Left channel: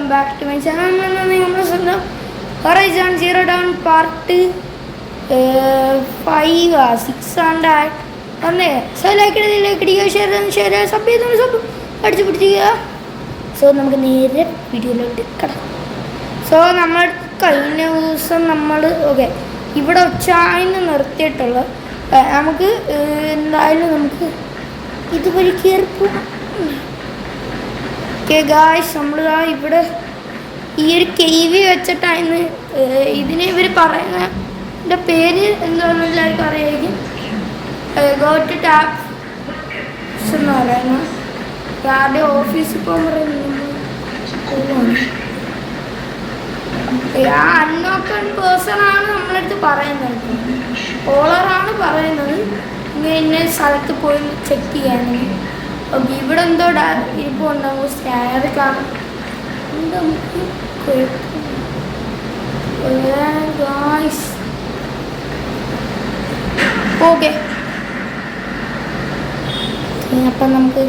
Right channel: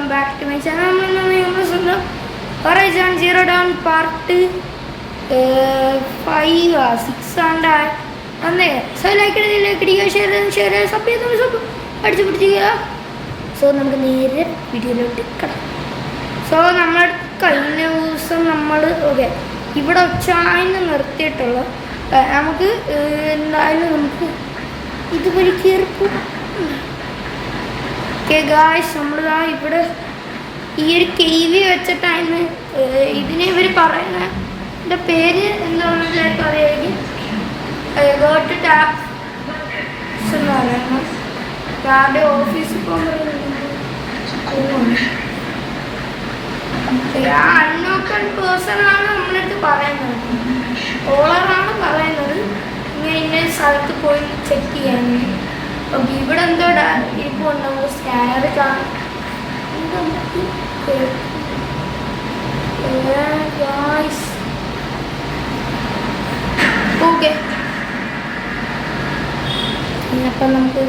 Welcome back to my channel. Horizon Zero Dawn part 5-6 വന്നേ. So like അടിക്കുക, share sub അടിച്ചു പിടിക്കുക. So നമുക്ക് നേരെ വീഡിയോയിലോട്ട് കിടക്കാം. സോ നമ്മൾ കഴിഞ്ഞ ദിവസം നമ്മൾ ഇവിടെ ഉച്ചായിന്ന് നിർത്തിയിട്ടുള്ള നമുക്ക് എന്തായാലും നമുക്ക് ഇതുപോലെ കയറി പോകാം. ഗായ്സ് നമ്മളിതാ ഇവിടെ ഈ ഒരു കേവി വെച്ചിട്ടാണ് ഇതിനെ ഇവർ പറയുന്നതിൻ്റെ പേര് എന്താണെന്ന് എല്ലാവർക്കും അറിയായിരിക്കും. ഗോട്ട് ടാപ്പ് എന്ന് പറയുന്നത് ആരുടെ ഓഫീസിൽ ആ അൺനോക്കൺ പേഴ്സണാണ് നമ്മളടുത്ത് പറയുന്നത്. ഓളറാണ് പറയുന്നത് ഇങ്ങനെ സ്ഥലത്ത് പോയി ചെക്ക് ചെയ്യാൻ. ഓക്കെ, ഇവിടെ എന്തോ ഇപ്പോൾ ഉണ്ടാവും സ്കാനർ കാണും. ഓക്കെ, അപ്പം നമുക്ക്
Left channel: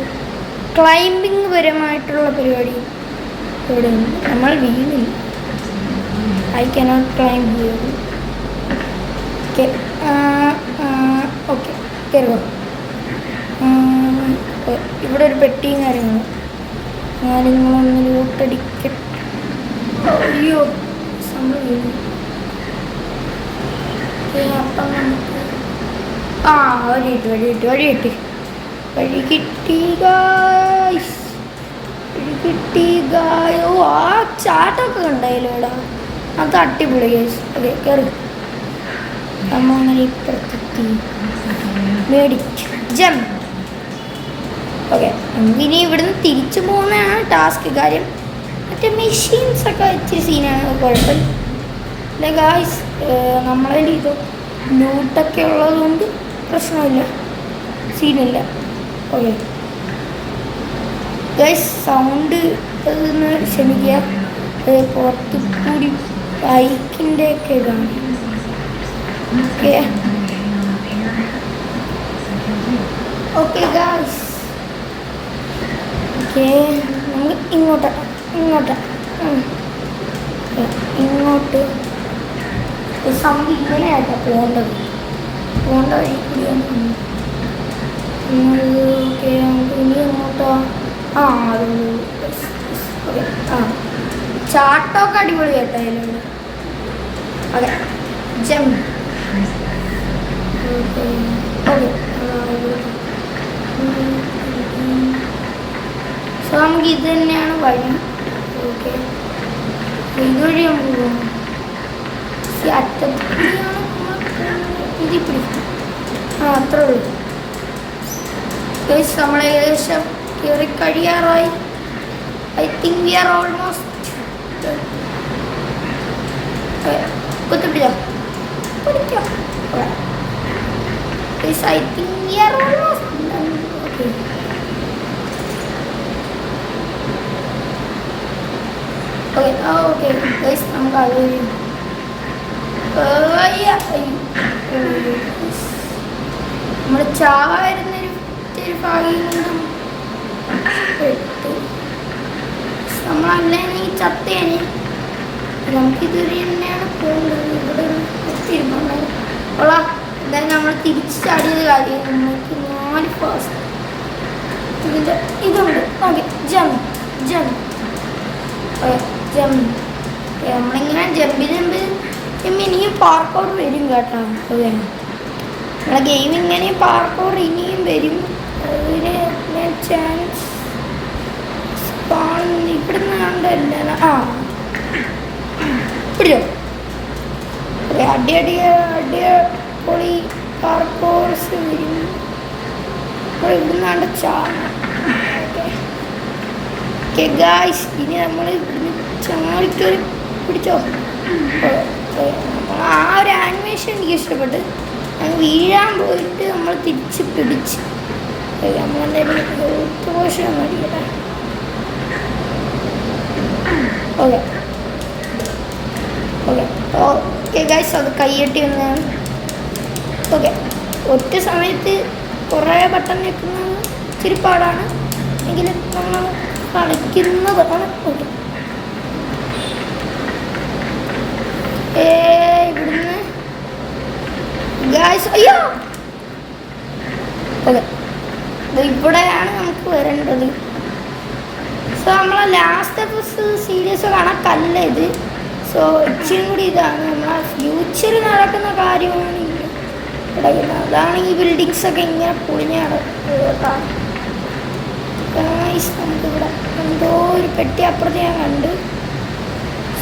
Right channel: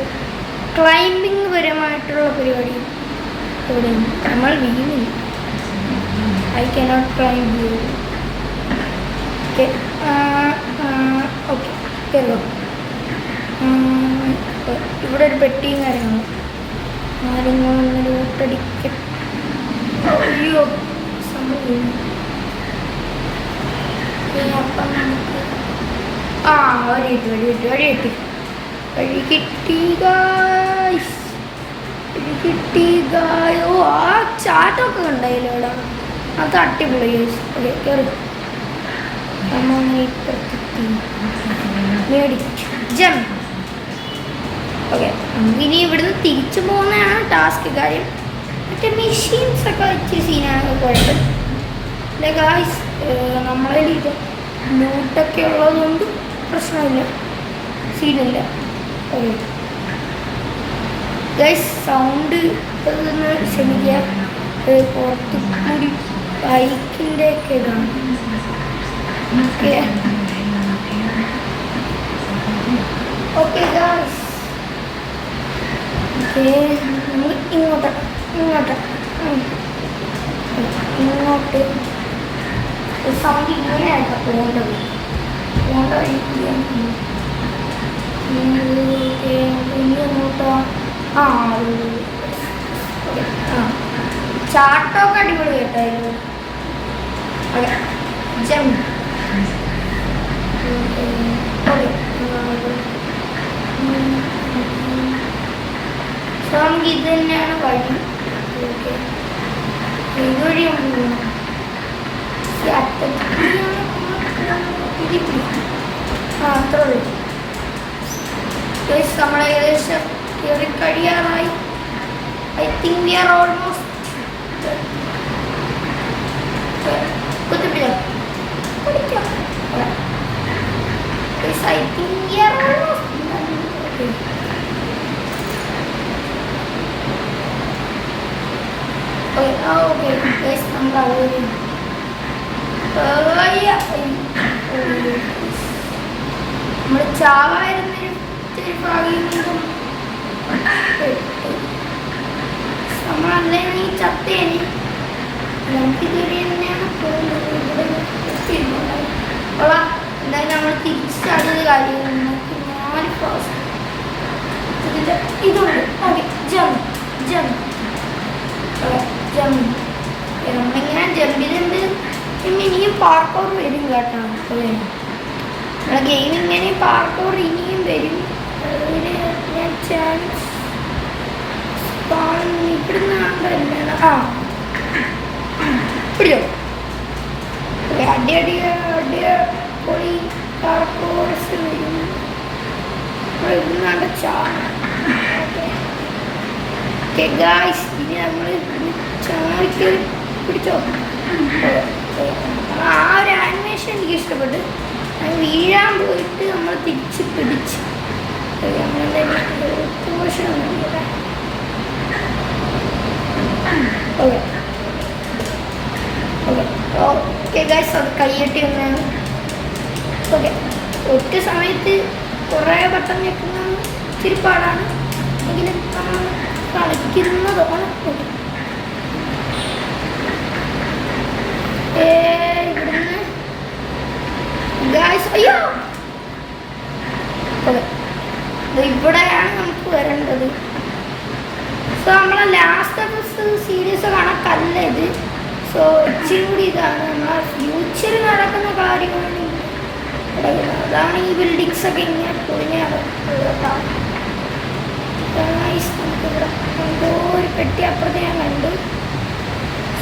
ക്ലൈംബിങ് പരമായിട്ടുള്ള പരിപാടി ഇവിടെ നമ്മൾ വീണില്ല. ഐ കനോട്ട് ക്ലൈംബ് ചെയ്യും. ഓക്കെ ഓക്കെ കയറുക. ഇവിടെ ഒരു പെട്ടിയും കാര്യങ്ങളൊന്ന് ലൂട്ടടിക്ക. അയ്യോ സംഭവം. അപ്പം നമുക്ക് വഴി കിട്ടി ഗായ്സ്. ഓ ആ ചാട്ടമൊക്കെ ഉണ്ടായില്ലോ ഇവിടെ. അത് അടിപൊളി ഗൈസ്. ഓക്കെ കയറി. അമ്മ അങ്ങനെ ഇപ്പുറത്തെത്തി മേടിച്ചു ജംപ്. ഓക്കെ, ഇനി ഇവിടുന്ന് തിരിച്ചു പോകുന്നതാണ് ടാസ്ക്. കാര്യം മറ്റേ മെഷീൻസൊക്കെ ഇച്ചിരി സീനാണ് കുഴപ്പം. അല്ലെ ഗായ്സ്, നമ്മളിൽ ഇത് ലൂട്ടൊക്കെ ഉള്ളതുകൊണ്ട് പ്രശ്നമില്ല, സീനില്ല. ഓക്കെ ഗായ്സ്, സൗണ്ട് ഒന്ന് ക്ഷമിക്കുക. പുറത്തു കൂടി ബൈക്കിൻ്റെ ഒക്കെ ഇതാണ്. ഓക്കെ ഓക്കെ ഗായ്സ്, ഓക്കെ നമുക്ക് ഇങ്ങോട്ട് സൗണ്ട് ഇങ്ങനെയായിട്ട് പോകേണ്ടത് വഴി ഇങ്ങോട്ടോ. ചാട്ടമൊക്കെ അടിപൊളി കേട്ടോ അതിനോട്. Okay jump. സോ നമുക്ക് ഇത് തന്നെയാണ് വഴി. ഓക്കെ, ഇതുവഴി നമുക്ക് പോകണം. അറ്റത്തിലാണ് ഇതിൽ പിടിക്കും. അത്രേ ഉള്ളൂ. നമ്മൾ ഏകദേശം കയറി കഴിയാറായി. I think we are almost. കുത്തിപ്പിടിക്കാം. I think we are almost done. Okay, guys, നമുക്ക് അവിടെ നമ്മുടെ ചാവായിരുന്നൊരു ഭാഗ്യം നമ്മൾ അന്നേരം ചത്തേന്. നമുക്കിതുവരെ തന്നെയാണ് പോകുന്നത്. ഇവിടെ എന്തായാലും നമ്മൾ തിരിച്ചു ചാടിയത് കാര്യം നമുക്ക് 4 ഫാസ്റ്റ് ഇതിൻ്റെ ഇതുണ്ട്. Okay jump. നമ്മളിങ്ങനെ ജമ്പ് ഇനിയും പാർക്കൗർ വരും കേട്ടോ. ഓക്കെ, നമ്മളെ ഗെയിം ഇങ്ങനെ പാർക്കൗർ ഇനിയും വരും. അതിന് ഞാൻ ചാൻസ് ഇവിടുന്ന് കണ്ടല്ല. പിടിച്ചോ. അടിപൊളി പാർക്കോഴ്സ് വരും. ഇവിടുന്നാണ്ട് ചാടണം. ഓക്കെ ഗായ്സ്, ഇനി നമ്മൾ ഇവിടുന്ന് ചാടിക്കറി പിടിച്ചോ. ആ ഒരു ആനിമേഷൻ എനിക്ക് ഇഷ്ടപ്പെട്ട്. വീഴാൻ പോയിട്ട് നമ്മൾ തിരിച്ച് പിടിച്ച് നമ്മളെന്തായാലും പോഷണം മതിയല്ലേ. ഓക്കെ ഗായ്സ്, അത് കൈയ്യട്ടി വന്നതാണ്. ഓക്കെ, ഒറ്റ സമയത്ത് കുറേ ബട്ടൺ ഞെക്കുന്നതാണ് ഇച്ചിരി പാടാണ്. എങ്കിലും നമ്മൾ കളിക്കുന്നതാണ്. ഓക്കെ ഇവിടുന്ന് ഗായ്സ് അയ്യോ ഇവിടെയാണ് നമുക്ക് വരേണ്ടത്. സോ നമ്മളെ ലാസ്റ്റ് സീരീസ് കാണാൻ കല്ല ഇത്. സോ ഇച്ചിരി കൂടി ഇതാണ് നമ്മളെ ഫ്യൂച്ചറിൽ നടക്കുന്ന കാര്യമാണ് കിടക്കുന്നത്. അതാണ് ഈ ബിൽഡിങ്സ് ഒക്കെ ഇങ്ങനെ പൊളിഞ്ഞ നമുക്കിവിടെ എന്തോ ഒരു പെട്ടി അപ്പുറത്ത് ഞാൻ കണ്ട്.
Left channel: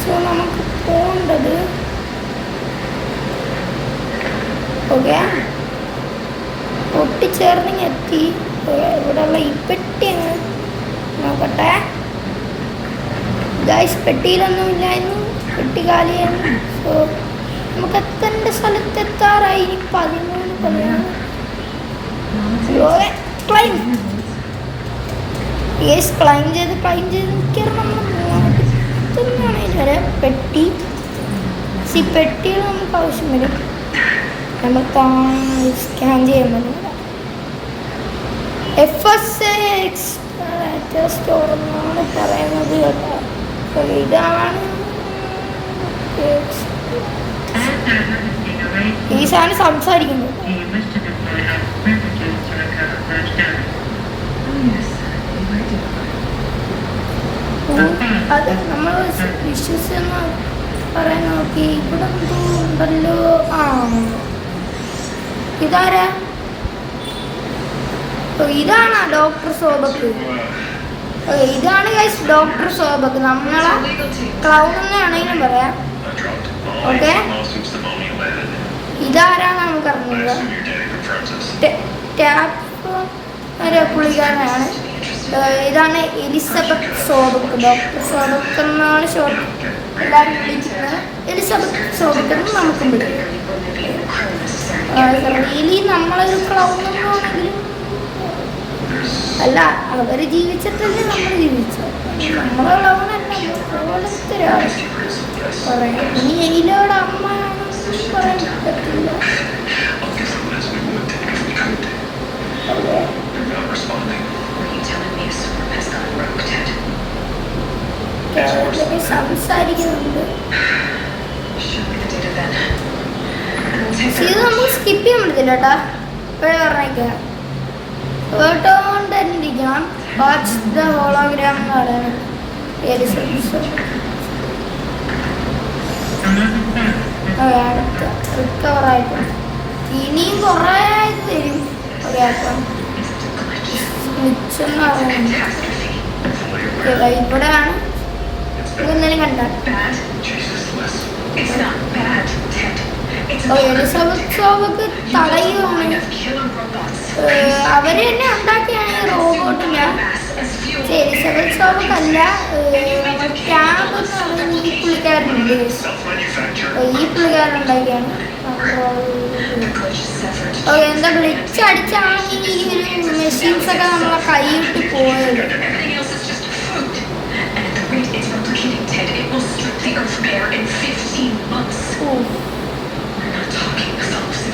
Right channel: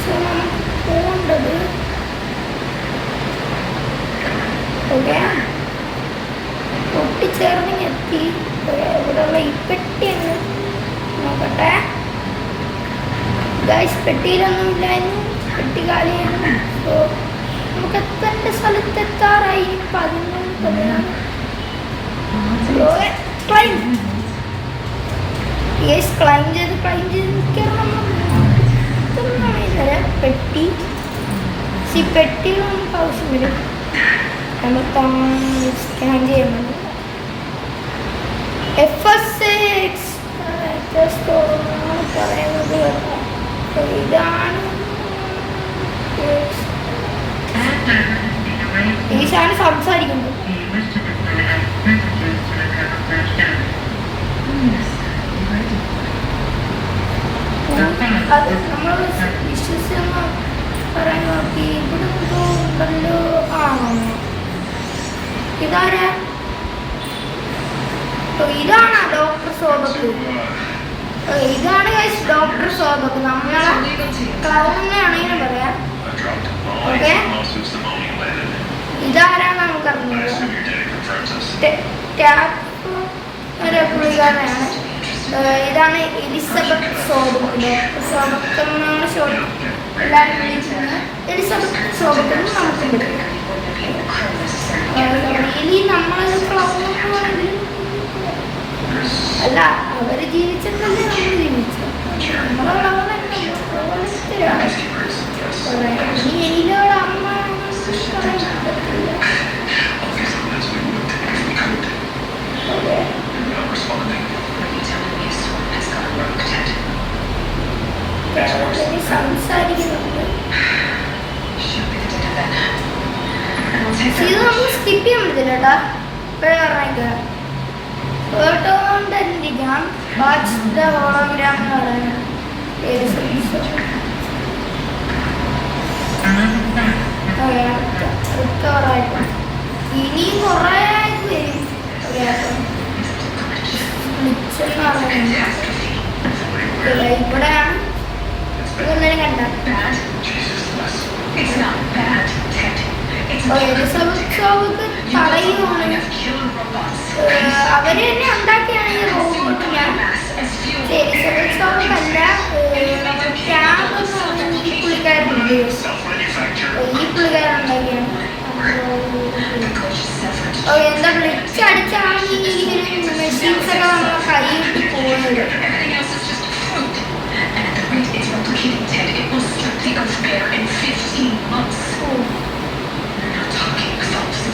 സോ നമുക്ക് പോകേണ്ടത് ഓക്കെ പൊട്ടിച്ചേർന്നെങ്കിൽ എത്തി. ഇവിടെയുള്ള ഈ പെട്ടി അങ്ങ് നോക്കട്ടെ ഗായ്സ്. പെട്ടിയിലൊന്നുമില്ലായിരുന്നു, പെട്ടി കാലിയായിരുന്നു. സോ നമുക്ക് എത്തേണ്ട സ്ഥലത്തെത്താറായി. 13 ക്ലൈം ചെയ്ത് നിൽക്കാറുണ്ട്. പെട്ടി പെട്ടിയിൽ നമുക്ക് ആവശ്യം വരും. നമ്മൾ സ്കാൻ ചെയ്യുന്നത് FSX സ്റ്റോറാണ് പറയുന്നത് കേട്ടോ. ഇതാണ് ഈ സാധനം സംസാരിക്കുന്നത്. അത് നമ്മൾ വിശ്വസിക്കുന്ന പറയാൻ നോക്കി. ഇവിടെ ഉണ്ടല്ലോ. ഇതാരാ? ഇതാണ് ഡോക്ടർ സോബക്ക്. ഇതാണ് ഡോക്ടർ സോബക്ക്. നമ്മളെ ക്ലൗൺ എന്നാണെങ്കിലും പറയാം. ഓക്കെ ഇതാരാണ് നമുക്കറിഞ്ഞത്? പുള്ളിക്കാരനാണ്. ഇതാണ് എലിസബത്ത് സോബക്ക്. ഡോക്ടർ സോബക്ക് എന്നാണ് ഷോർട്ട് എല്ലാവരും വിളിക്കുന്നത്. എലിസബത്ത് സോബക്ക് എന്ന് നമുക്ക് വിളിക്കും. റിയലി നമ്മളൊരു ക്ലൗണെന്നാണെങ്കിൽ അല്ല, അവർ ജീവിച്ചിട്ടല്ലേ നമ്മൾ ജീവിച്ചത്. നമ്മളെ ക്ലൗണല്ല. ഇനി എലിയുടെ അമ്മ പറയാൻ പറ്റില്ല. സംസാരിക്കുന്നുണ്ട്. ഇത് നമ്മൾ സ്കിപ്പ് ചെയ്യാൻ പറ്റില്ല കേട്ടാ. ഇപ്പോഴേ പറഞ്ഞേക്കുക കേട്ടോണ്ടിരിക്കണം. വാച്ച് ദ ഹോളോഗ്രാം എന്ന് പറയുന്നത് ഏത് റിക്കവറായിട്ട് ഇനിയും കുറേ ആയിട്ട് വരും. മിച്ചെന്ന് പറയുന്നത് ഇവിടെയാണ്. ഇതെന്തായാലും കണ്ട എലിസബത്ത് തടയുവാണ്. അവര് തന്നെ ഉണ്ടാക്കിയാണ് ഈ റോബോട്ടില്ല. എലിസബത്ത് സോബക്കല്ല, ഈ പുള്ളിക്കാരനുണ്ട്. ഈ പുള്ളിക്കാരൻ ഉണ്ടാക്കിയാണ്. എന്താ ഗ്ലിച്ച് അടിച്ചാണെങ്കിൽ ഈ മെഷീൻസൊക്കെ നമ്മളെ കൈയിട്ട് പോകുന്നത്.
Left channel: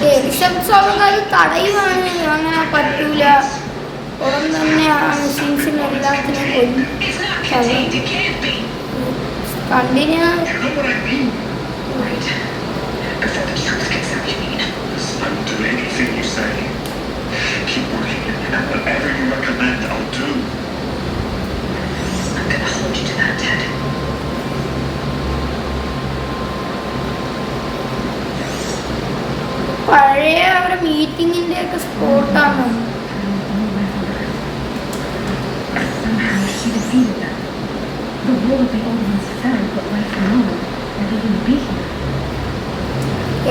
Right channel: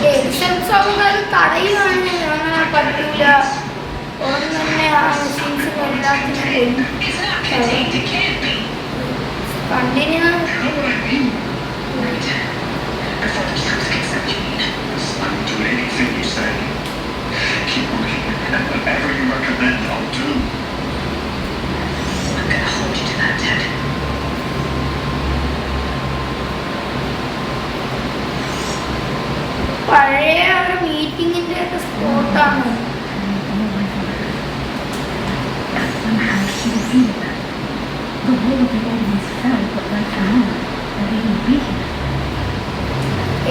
എലിസബത്ത് തടയുവാണ്. അങ്ങനെ പറ്റൂല. ഉടൻ തന്നെയാണ് മെഷീൻസിന് എല്ലാത്തിനും കണ്ടിന്യൂ. പഴയ ഒരു മീറ്റിങ്ങിന്റെ ഒക്കെ സ്പോട്ടാണ്.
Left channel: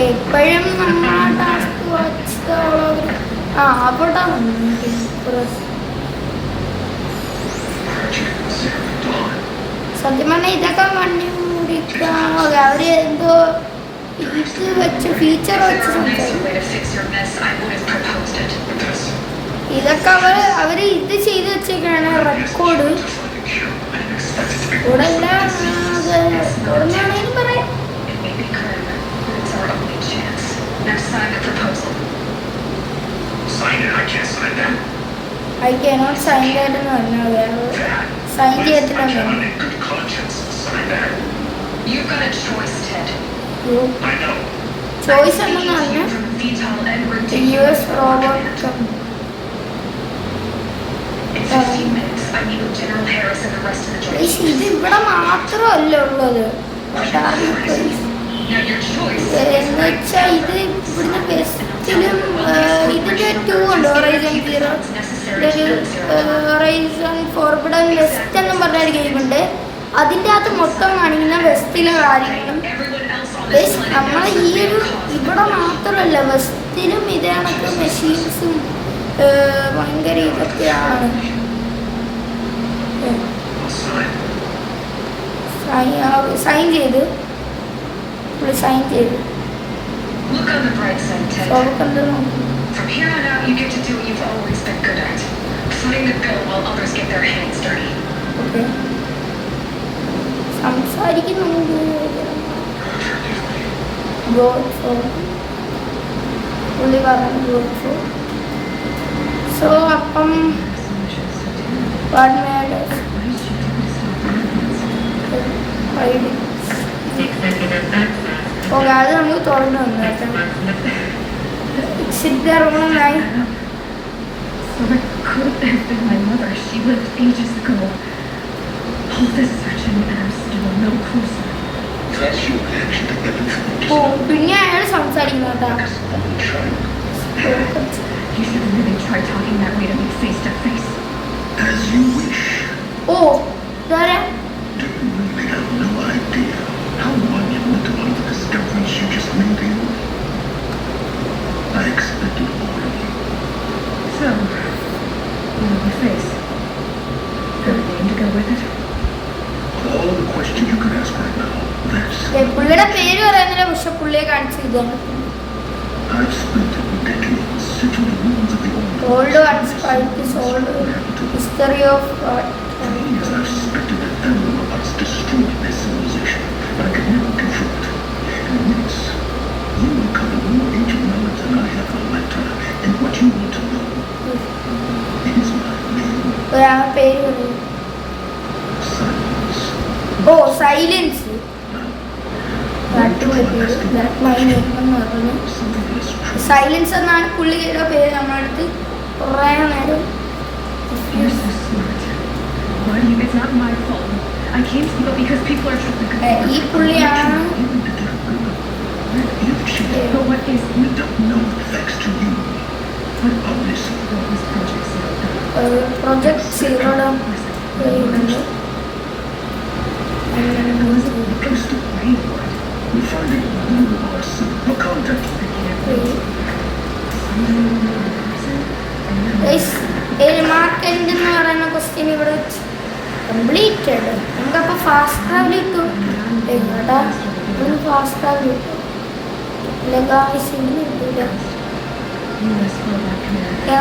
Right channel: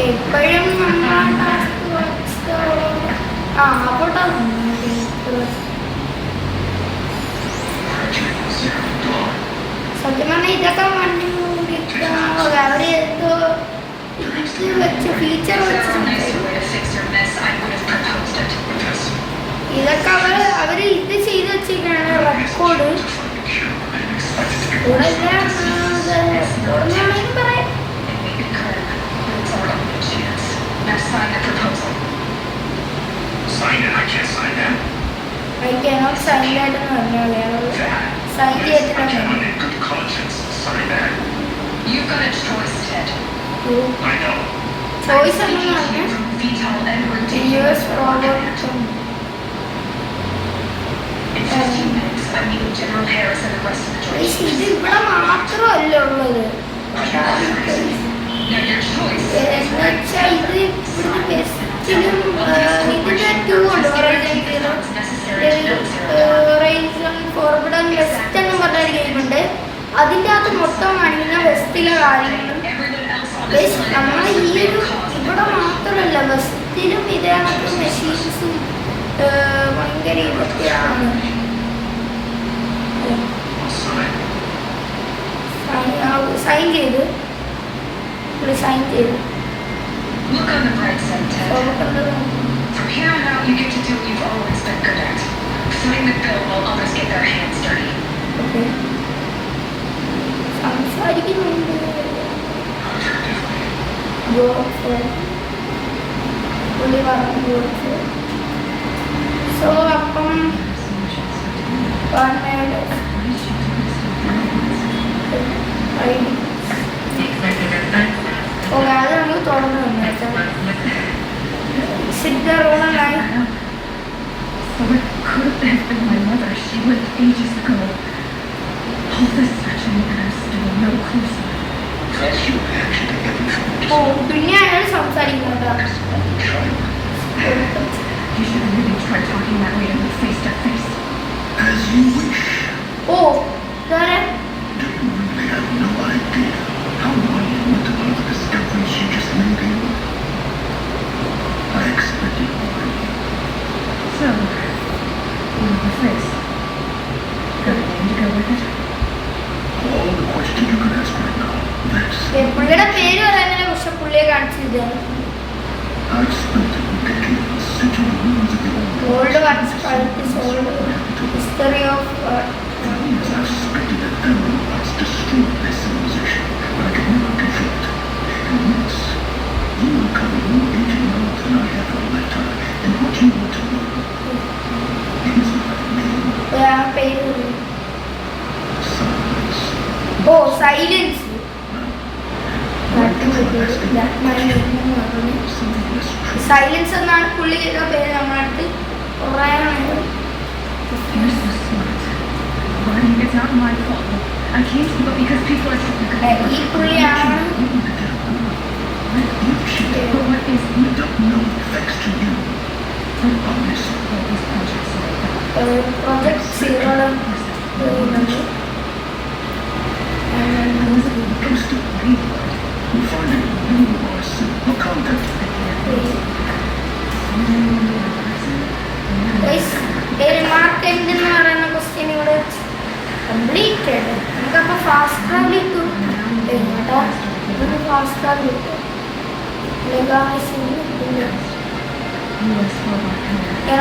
എപ്പോഴും അവിടാണ് സത്യം പറഞ്ഞാൽ ഇതൊക്കെ വണ്ടി ഓടിക്കാൻ അവര് എന്തോ വെച്ച് ഫീച്ചർ വെച്ച് ഇതൊക്കെ അവര് ഇത് ചെയ്ത് വെച്ചേക്കാണ് റെക്കോർഡ്. ഇവിടെ എല്ലാം പറയാം. I cannot sign that എന്ന് പറഞ്ഞത് സൈൻ ചെയ്തിട്ടാണ്. You've got a choice, Ted. Choice എന്താണ് US Robert ഇത് ഇവിടെ മാത്രമല്ല ഉള്ളത് എന്നുവെച്ചാൽ ഇത് ബെസ്റ്റിലും ഇതിന്റെ 2 ഉണ്ട് ഹൊറൈസൺ ഫോർബിഡൻ വെസ്റ്റ് എന്ന് പറഞ്ഞൊരു ഗെയിമുണ്ട്. അതിൻ്റെ അകത്ത് മൊത്തം കാണിക്കുന്ന വെസ്റ്റിലെ കാര്യങ്ങളും നമ്മളെ ഈ ഒരു ഇവിടെ മാത്രമല്ല വെസ്റ്റിലും ഇതിനകത്ത് മെഷീൻസും ഭയങ്കര ഇതൊക്കെയാണ്. സൈൻ ചെയ്ത് സൈൻ ചെയ്ത് Look on the bright side, Ted. From here on out, you get to do what you've always been good at. Footing the bill while others get their hands dirty. Okay. സംസാരിക്കുന്നുണ്ട്. പുള്ളി പറഞ്ഞു so അപ്പം പറഞ്ഞത് okay അത് നമുക്ക് തുറന്നു സിദ്ധറോണായി So it could have been my mother. She lived ages ago. All this searching and I'm still no closer. That's your reaction to everything. ഓ പിന്നെ അയാൾ സംസാരിക്കുന്നുണ്ടോ? You should really try talking that way to me face to face. As you wish. ഓ ഇതാരാ? Do you really have no idea how monumental are the discoveries you just made here? I expected more of you. So, you know your face. Got a name to go with it? All the questions you could ask right now. That's. പുള്ളിയുടെ പേര് പറയാനില്ല പക്ഷെ പുള്ളിയെ കാണിച്ചിരിക്കുകയാണ്. I've spent decades searching the ruins of the old arts, old history of art. For years I've suspected that animal arts destroyed their civilization, but I could never confirm it. And witness, you uncover more ancient knowledge than I have for a lifetime. And what you want to know is my name. Silence. Oh, silence. Silence എന്നാണ് പുള്ളിയുടെ പേര് നമ്മളടുത്ത് പറയാൻ നേരം. You're so smart. Buddy, it's not my fault. I came to you because people are talking about ഈ പുള്ളിയാണ്. But what is We don't know thanks to you. But obviously. what was Project Zero? Project സീറോയുടെ I wasn't even Please do. We'll find it. We are soon. No contact. Mark എന്ത് എന്ന് പറയുന്ന question ഇവിടെ completed. നമുക്കപ്പോൾ fast ട്രാവലിക്ക് കേട്ടോ fast travel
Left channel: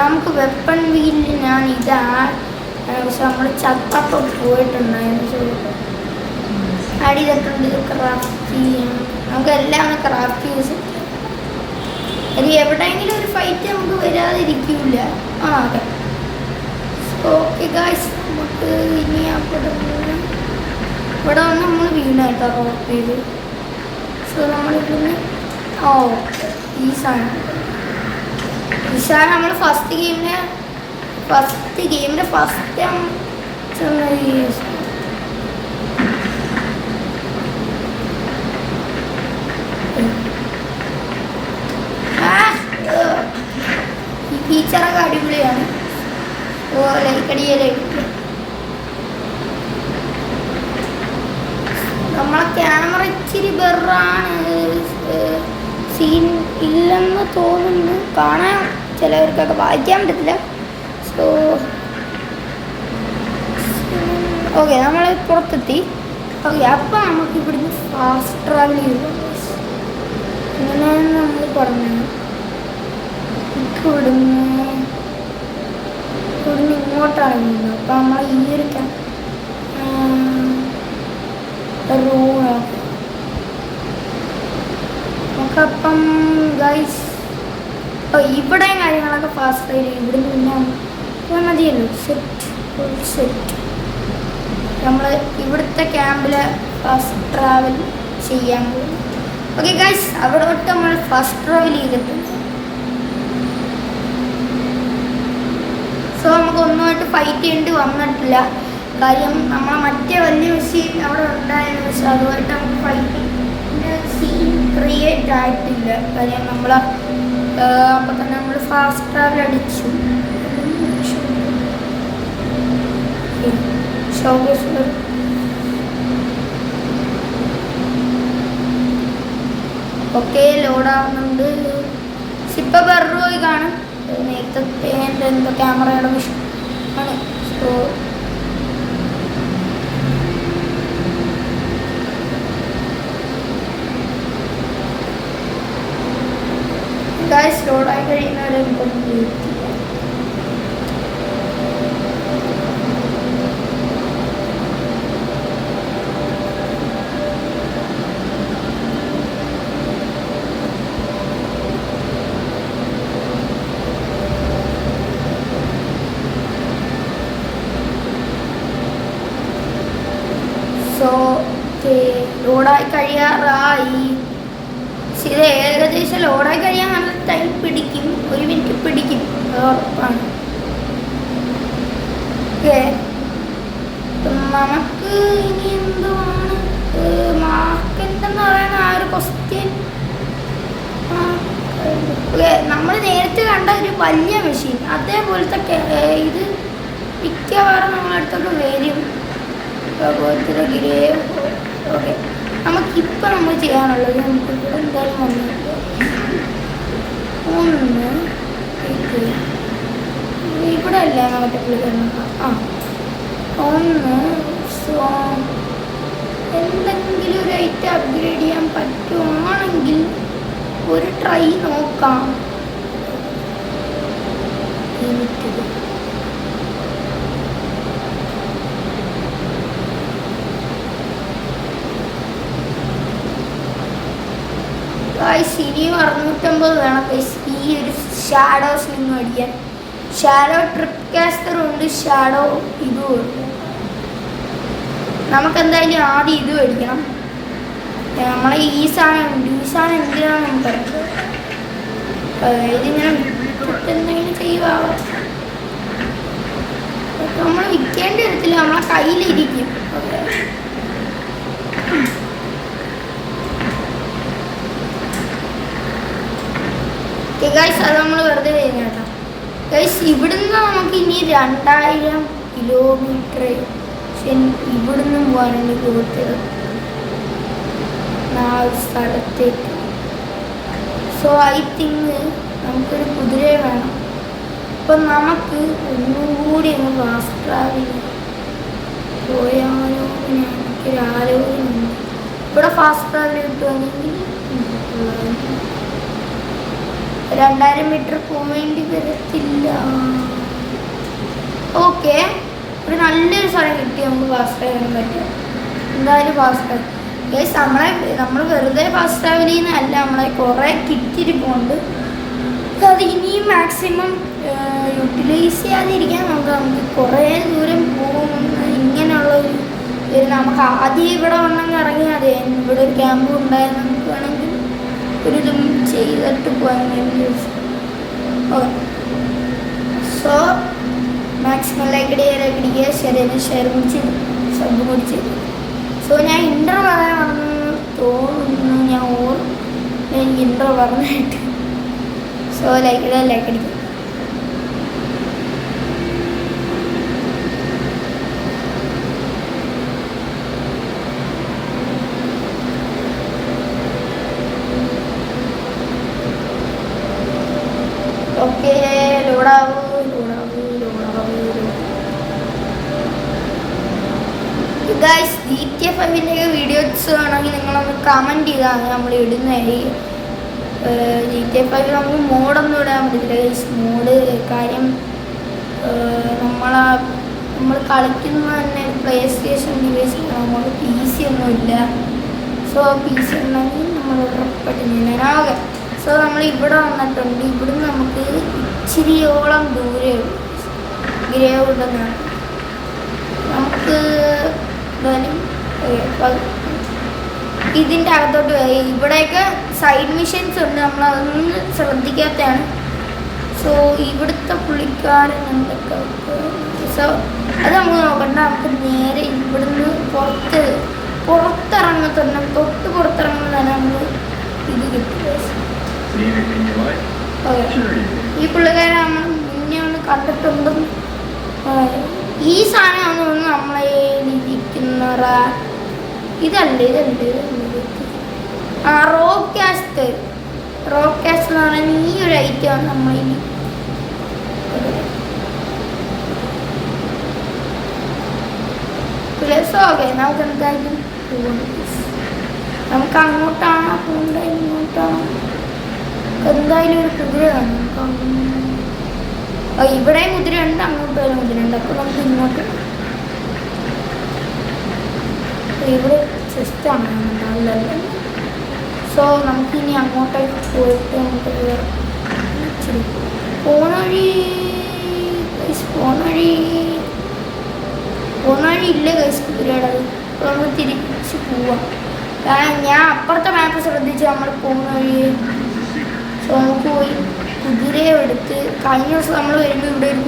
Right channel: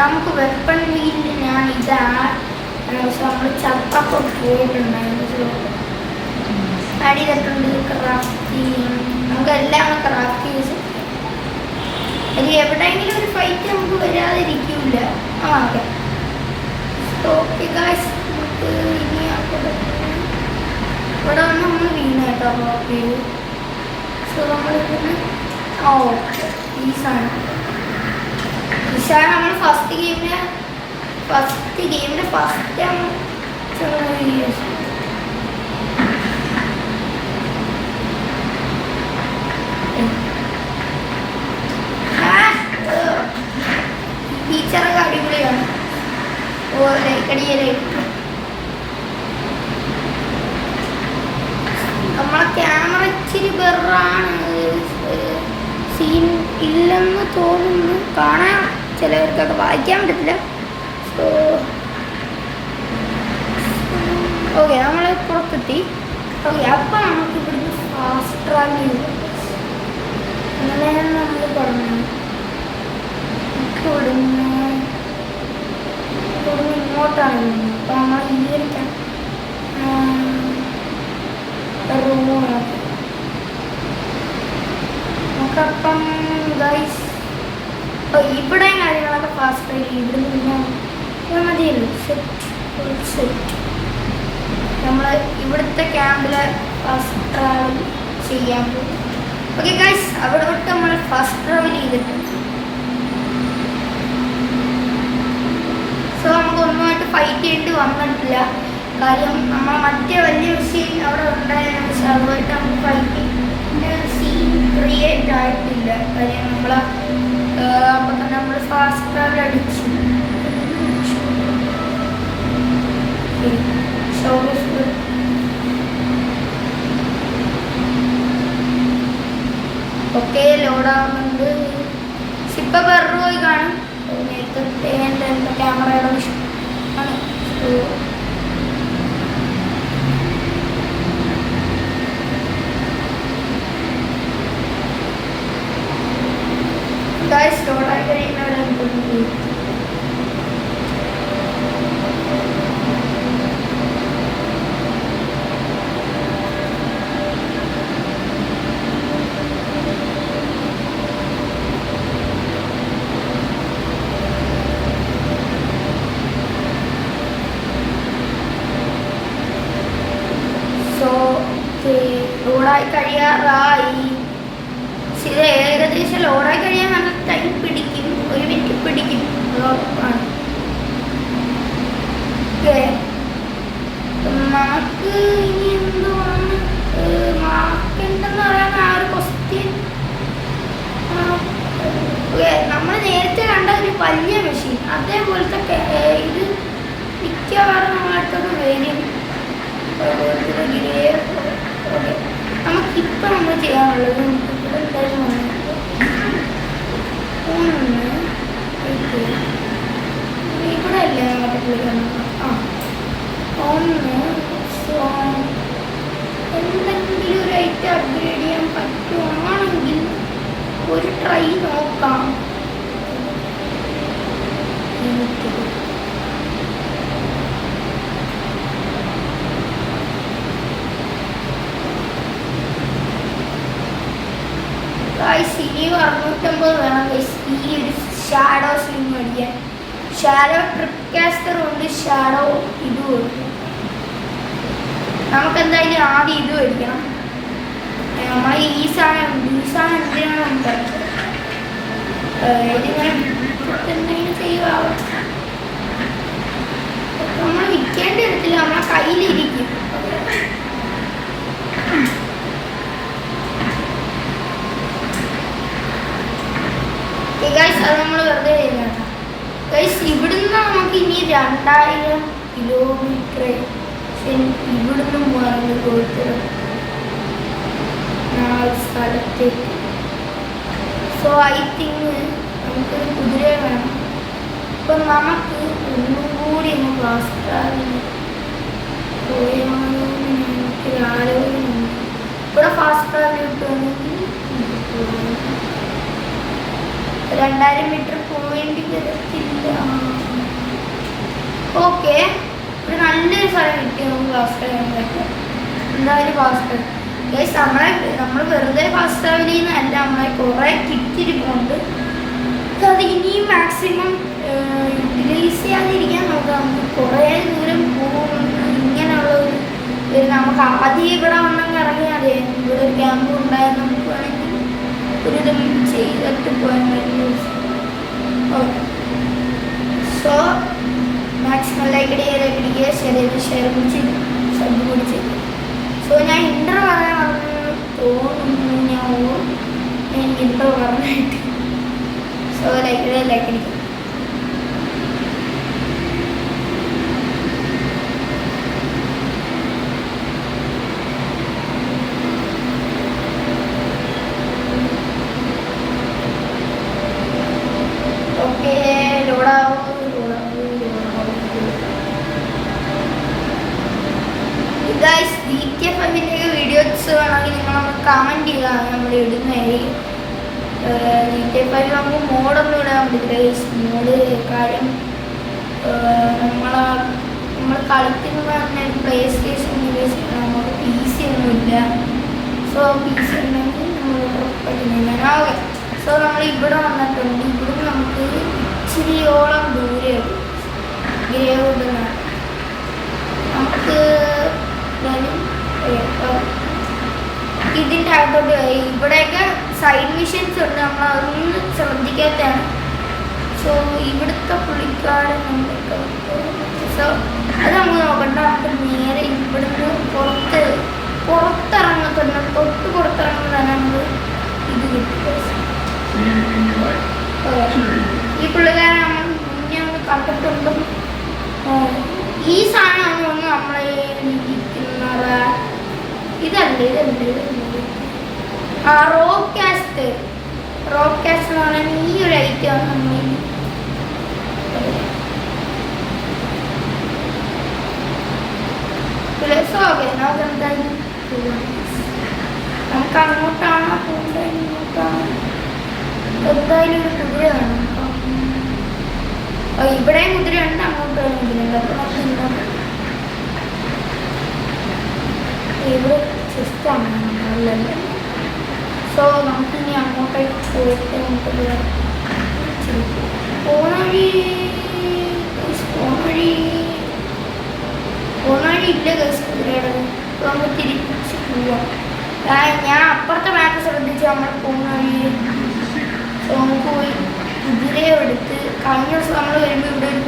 നമുക്ക് weapon വീലിൽ ഞാൻ ഇതാ പക്ഷെ നമ്മൾ ചത്തൊക്കെ പോയിട്ടുണ്ടായിരുന്നു. ആഡ് ചെയ്തിട്ടുണ്ട് ക്രാഫ്റ്റ് ചെയ്യണം. നമുക്കെല്ലാം ക്രാഫ്റ്റ് ചെയ്ത് ഇനി എവിടെയെങ്കിലും ഒരു ഫൈറ്റ് നമുക്ക് വരാതിരിക്കില്ല. ആ അതെ ഓക്കെ ഗായ്സ് നമുക്ക് ഇനി ഇവിടെ വന്ന് നമ്മൾ വീണായിട്ടോ റോപ്പിൽ. സോ നമ്മളിപ്പോൾ ഓക്കെ ഈ സാധനം നമ്മൾ ഫസ്റ്റ് ഗെയിമിൻ്റെ ഫസ്റ്റ് ഫീച്ചറൊക്കെ അടിപൊളിയാണ്. ഓ ലൈക്കടിയിലേക്ക് നമ്മളെ ക്യാമറ ഇച്ചിരി ബെറാണ്. സീൻ ഇല്ലെന്ന് തോന്നുന്നു. കാണാൻ ചിലവർക്കൊക്കെ വായിക്കാൻ പറ്റത്തില്ല. സോ ഓക്കെ നമ്മൾ പുറത്തെത്തി. ഓക്കെ അപ്പം നമുക്ക് ഇവിടുന്ന് ഫാസ്റ്റ് ട്രാവൽ ചെയ്തു. അങ്ങനെയാണ് നമ്മൾ പറഞ്ഞത്. ഇവിടുന്ന് ഇങ്ങോട്ടാണ്. അപ്പം നമ്മൾ ഈ ഒരു റൂമാണ് നമുക്കപ്പം ഗൈസ് ഇവിടെ കാര്യങ്ങളൊക്കെ ഫാസ്റ്റായി ഇവിടുന്ന് പിന്നെ മതിയല്ലോ. സെറ്റ് നമ്മൾ ഇവിടുത്തെ ക്യാമ്പിൽ ഫാസ്റ്റ് ട്രാവൽ ചെയ്യാൻ പോകും. ഓക്കെ ഗൈസ്, അവിടെ തൊട്ട് നമ്മൾ ഫസ്റ്റ് ട്രാവൽ ചെയ്തിട്ടുണ്ട്. സോ നമുക്ക് ഒന്നുമായിട്ട് ഫൈറ്റ് ചെയ്യേണ്ടി വന്നിട്ടില്ല. കാര്യം നമ്മൾ മറ്റേ വലിയ മെഷീൻ അവിടെ ഉണ്ടായിരുന്നു, പക്ഷെ അതുമായിട്ട് നമുക്ക് ഫൈറ്റിൻ്റെ സീൻ ക്രിയേറ്റ് ആയിട്ടില്ല. കാര്യം നമ്മൾ അപ്പോൾ തന്നെ നമ്മൾ ഫാസ്റ്റ് ട്രാവൽ അടിച്ചു. ഓക്കെ, ലോഡാകുന്നുണ്ട്. ഇപ്പൊ വേറൊരു പോയി കാണും. നേരത്തെ എൻ്റെ ക്യാമറയുടെ വിഷയം ആണ്. സോ ലോഡായി കഴിയുന്നവിടെ ലോഡായി കഴിയാറായി. ഇത് ഏകദേശം ലോഡായി കഴിയാൻ നല്ല ടൈം പിടിക്കും, 1 മിനിറ്റ് പിടിക്കും. നമുക്ക് ഇനി എന്താണ് മാർക്കെന്തെന്ന് പറയാൻ ആ ഒരു ക്വസ്റ്റ്യൻ. നമ്മൾ നേരത്തെ കണ്ട ഒരു വലിയ മെഷീൻ അതേപോലത്തെ ഇത് മിക്കവാറും നമ്മളടുത്തൊക്കെ വരും. ഓക്കെ, നമുക്കിപ്പോൾ നമ്മൾ ചെയ്യാനുള്ളത് നമുക്ക് എന്തായാലും വന്നിട്ട് ഇവിടെ അല്ല മറ്റേ എന്തെങ്കിലും ഒരു ഐറ്റം അപ്ഗ്രേഡ് ചെയ്യാൻ പറ്റുവാണെങ്കിൽ ഒരു ട്രൈ നോക്കാം. ഇനി 650 വേണം ഈ ഒരു ഷാഡോ സ്ലിംഗ് മേടിക്കാൻ. ഷാഡോ ട്രിപ്പ് കാസ്റ്ററും ഉണ്ട്, ഷാഡോ ഇതും ഉണ്ട്. നമുക്കെന്തായാലും ആദ്യം ഇത് മേടിക്കണം. നമ്മളെ ഈ സാധനം എന്തിനാണ് നമുക്ക് ഇതിങ്ങനെ എന്തെങ്കിലും ചെയ്യുക. നമ്മൾ വിൽക്കേണ്ടി വരത്തില്ല, നമ്മളെ കയ്യിലിരിക്കും. ഗൈസ്, അത് നമ്മൾ വെറുതെ ചെയ്യുന്നതാണ്. ഗൈസ്, ഇവിടുന്ന് നമുക്ക് ഇനി 2000 കിലോമീറ്റർ ഇവിടുന്ന് പോകാനുള്ള കൊടുത്തത് സ്ഥലത്തേക്ക്. സോ ഐ തിങ്ക് നമുക്കൊരു കുതിര വേണം. അപ്പം നമുക്ക് ഒന്നും കൂടി ഒന്ന് ഫാസ്റ്റ് ട്രാവൽ പോയാലോ എനിക്കൊരു ആലോചനയുണ്ട്. ഇവിടെ ഫാസ്റ്റ് ട്രാവൽ കിട്ടുവാണെങ്കിൽ 2000 മീറ്റർ പോവേണ്ടി വരത്തില്ല. ഓക്കെ, ഒരു നല്ലൊരു സ്ഥലം കിട്ടി നമുക്ക് ഫാസ്റ്റ് ട്രാവൽ പറ്റും. എന്തായാലും ഫാസ്റ്റ് ട്രാവൽ ഗൈസ്, നമ്മൾ വെറുതെ ഫാസ്റ്റ് ട്രാവൽ ചെയ്യുന്നതല്ല, നമ്മളെ കുറേ കിറ്റിരിപ്പുണ്ട്. അത് ഇനിയും മാക്സിമം യൂട്ടിലൈസ് ചെയ്യാതിരിക്കാൻ നോക്കാം. നമുക്ക് കുറേ ദൂരം പോകുന്ന ഇങ്ങനെയുള്ളൊരു നമുക്ക് ആദ്യം ഇവിടെ വന്നെങ്കിൽ ഇറങ്ങി അതെ ഇവിടെ ഒരു ക്യാമ്പ് ഉണ്ടായാൽ നമുക്ക് വേണമെങ്കിൽ ഒരിതും ചെയ്തിട്ട് പോകാൻ വേണ്ടി. സോ മാക്സിമം ലൈക്ക് അടിക്കുക, ഷെയർ കുടിച്ച് ശബ്ദം കുടിച്ച്. സോ ഞാൻ ഇൻ്റർ പറയാൻ വന്നു തോന്നുന്നു, ഞാൻ ഇൻ്റർ പറഞ്ഞായിട്ട്. സോ ലൈക്ക് അടിക്കുക. ഗൈസ്, GTA 5 വീഡിയോസ് വേണമെങ്കിൽ നിങ്ങളൊന്ന് കമൻറ്റ് ചെയ്താൽ നമ്മൾ ഇടുന്നതായി. GTA 5 നമുക്ക് മോഡൊന്നും ഇടാൻ പറ്റില്ല ഗൈസ്. മോഡ് കാര്യം നമ്മൾ കളിക്കുന്ന തന്നെ പ്ലേ സ്റ്റേഷൻ നമുക്ക് PC ഒന്നുമില്ല. സോ PC ഉണ്ടെങ്കിൽ നമ്മൾ ഉറപ്പായിട്ട്. സോ നമ്മൾ ഇവിടെ വന്നിട്ടുണ്ട്. ഇവിടുന്ന് നമുക്ക് ഇച്ചിരിയോളം ദൂരെ നമുക്ക് ഇതിൻ്റെ അകത്തോട്ട് പോയി. ഇവിടെയൊക്കെ സൈഡ് മിഷൻസ് ഉണ്ട്, നമ്മൾ അതൊന്നും ശ്രദ്ധിക്കാത്തതാണ്. സോ ഇവിടുത്തെ പുള്ളിക്കാരൻ എന്തൊക്കെ സോ അത് നമ്മൾ നോക്കണ്ട. നമുക്ക് നേരെ ഇവിടുന്ന് പുറത്തിറങ്ങുന്നുണ്ട്. തൊട്ട് പുറത്തിറങ്ങുന്നതാണ് നമ്മൾ ഇത് കിട്ടുക. ഈ പുള്ളിക്കാരൻ നമ്മൾ മുന്നേ ഒന്ന് കണ്ടിട്ടുണ്ടും ഈ സാധനമാണ് നമ്മളെ ഇരിക്കുന്ന ഇതല്ലേ ആ റോക്ക് കാസ്റ്റ് എന്ന് പറഞ്ഞാൽ ഈ ഒരു ഐറ്റമാണ് നമ്മൾ ഓക്കെ. നമുക്ക് എന്തായാലും നമുക്ക് അങ്ങോട്ടാണ് പോകണ്ട, ഇങ്ങോട്ടാണ്. എന്തായാലും ഒരു കുതിരയാണ്. ഇവിടെയും കുതിരയുണ്ട്, അങ്ങോട്ടും കുതിരയുണ്ട്. അപ്പോൾ നമുക്ക് ഇങ്ങോട്ട് ഇവിടെ ചെസ്റ്റാണ് നല്ലത്. സോ നമുക്കിനി അങ്ങോട്ടേക്ക് പോയിട്ട് പോണവഴി ഇല്ല കൈസ് കുതിരയുടെ. അപ്പോൾ നമ്മൾ തിരിച്ച് പോവാം. ഞാൻ അപ്പുറത്തെ മാപ്പ് ശ്രദ്ധിച്ച് നമ്മൾ പോകുന്ന വഴി. സോ നമുക്ക് പോയി കുതിരയെ എടുത്ത് കഴിഞ്ഞ ദിവസം നമ്മൾ വരുമ്പോൾ ഇവിടെ ഒരു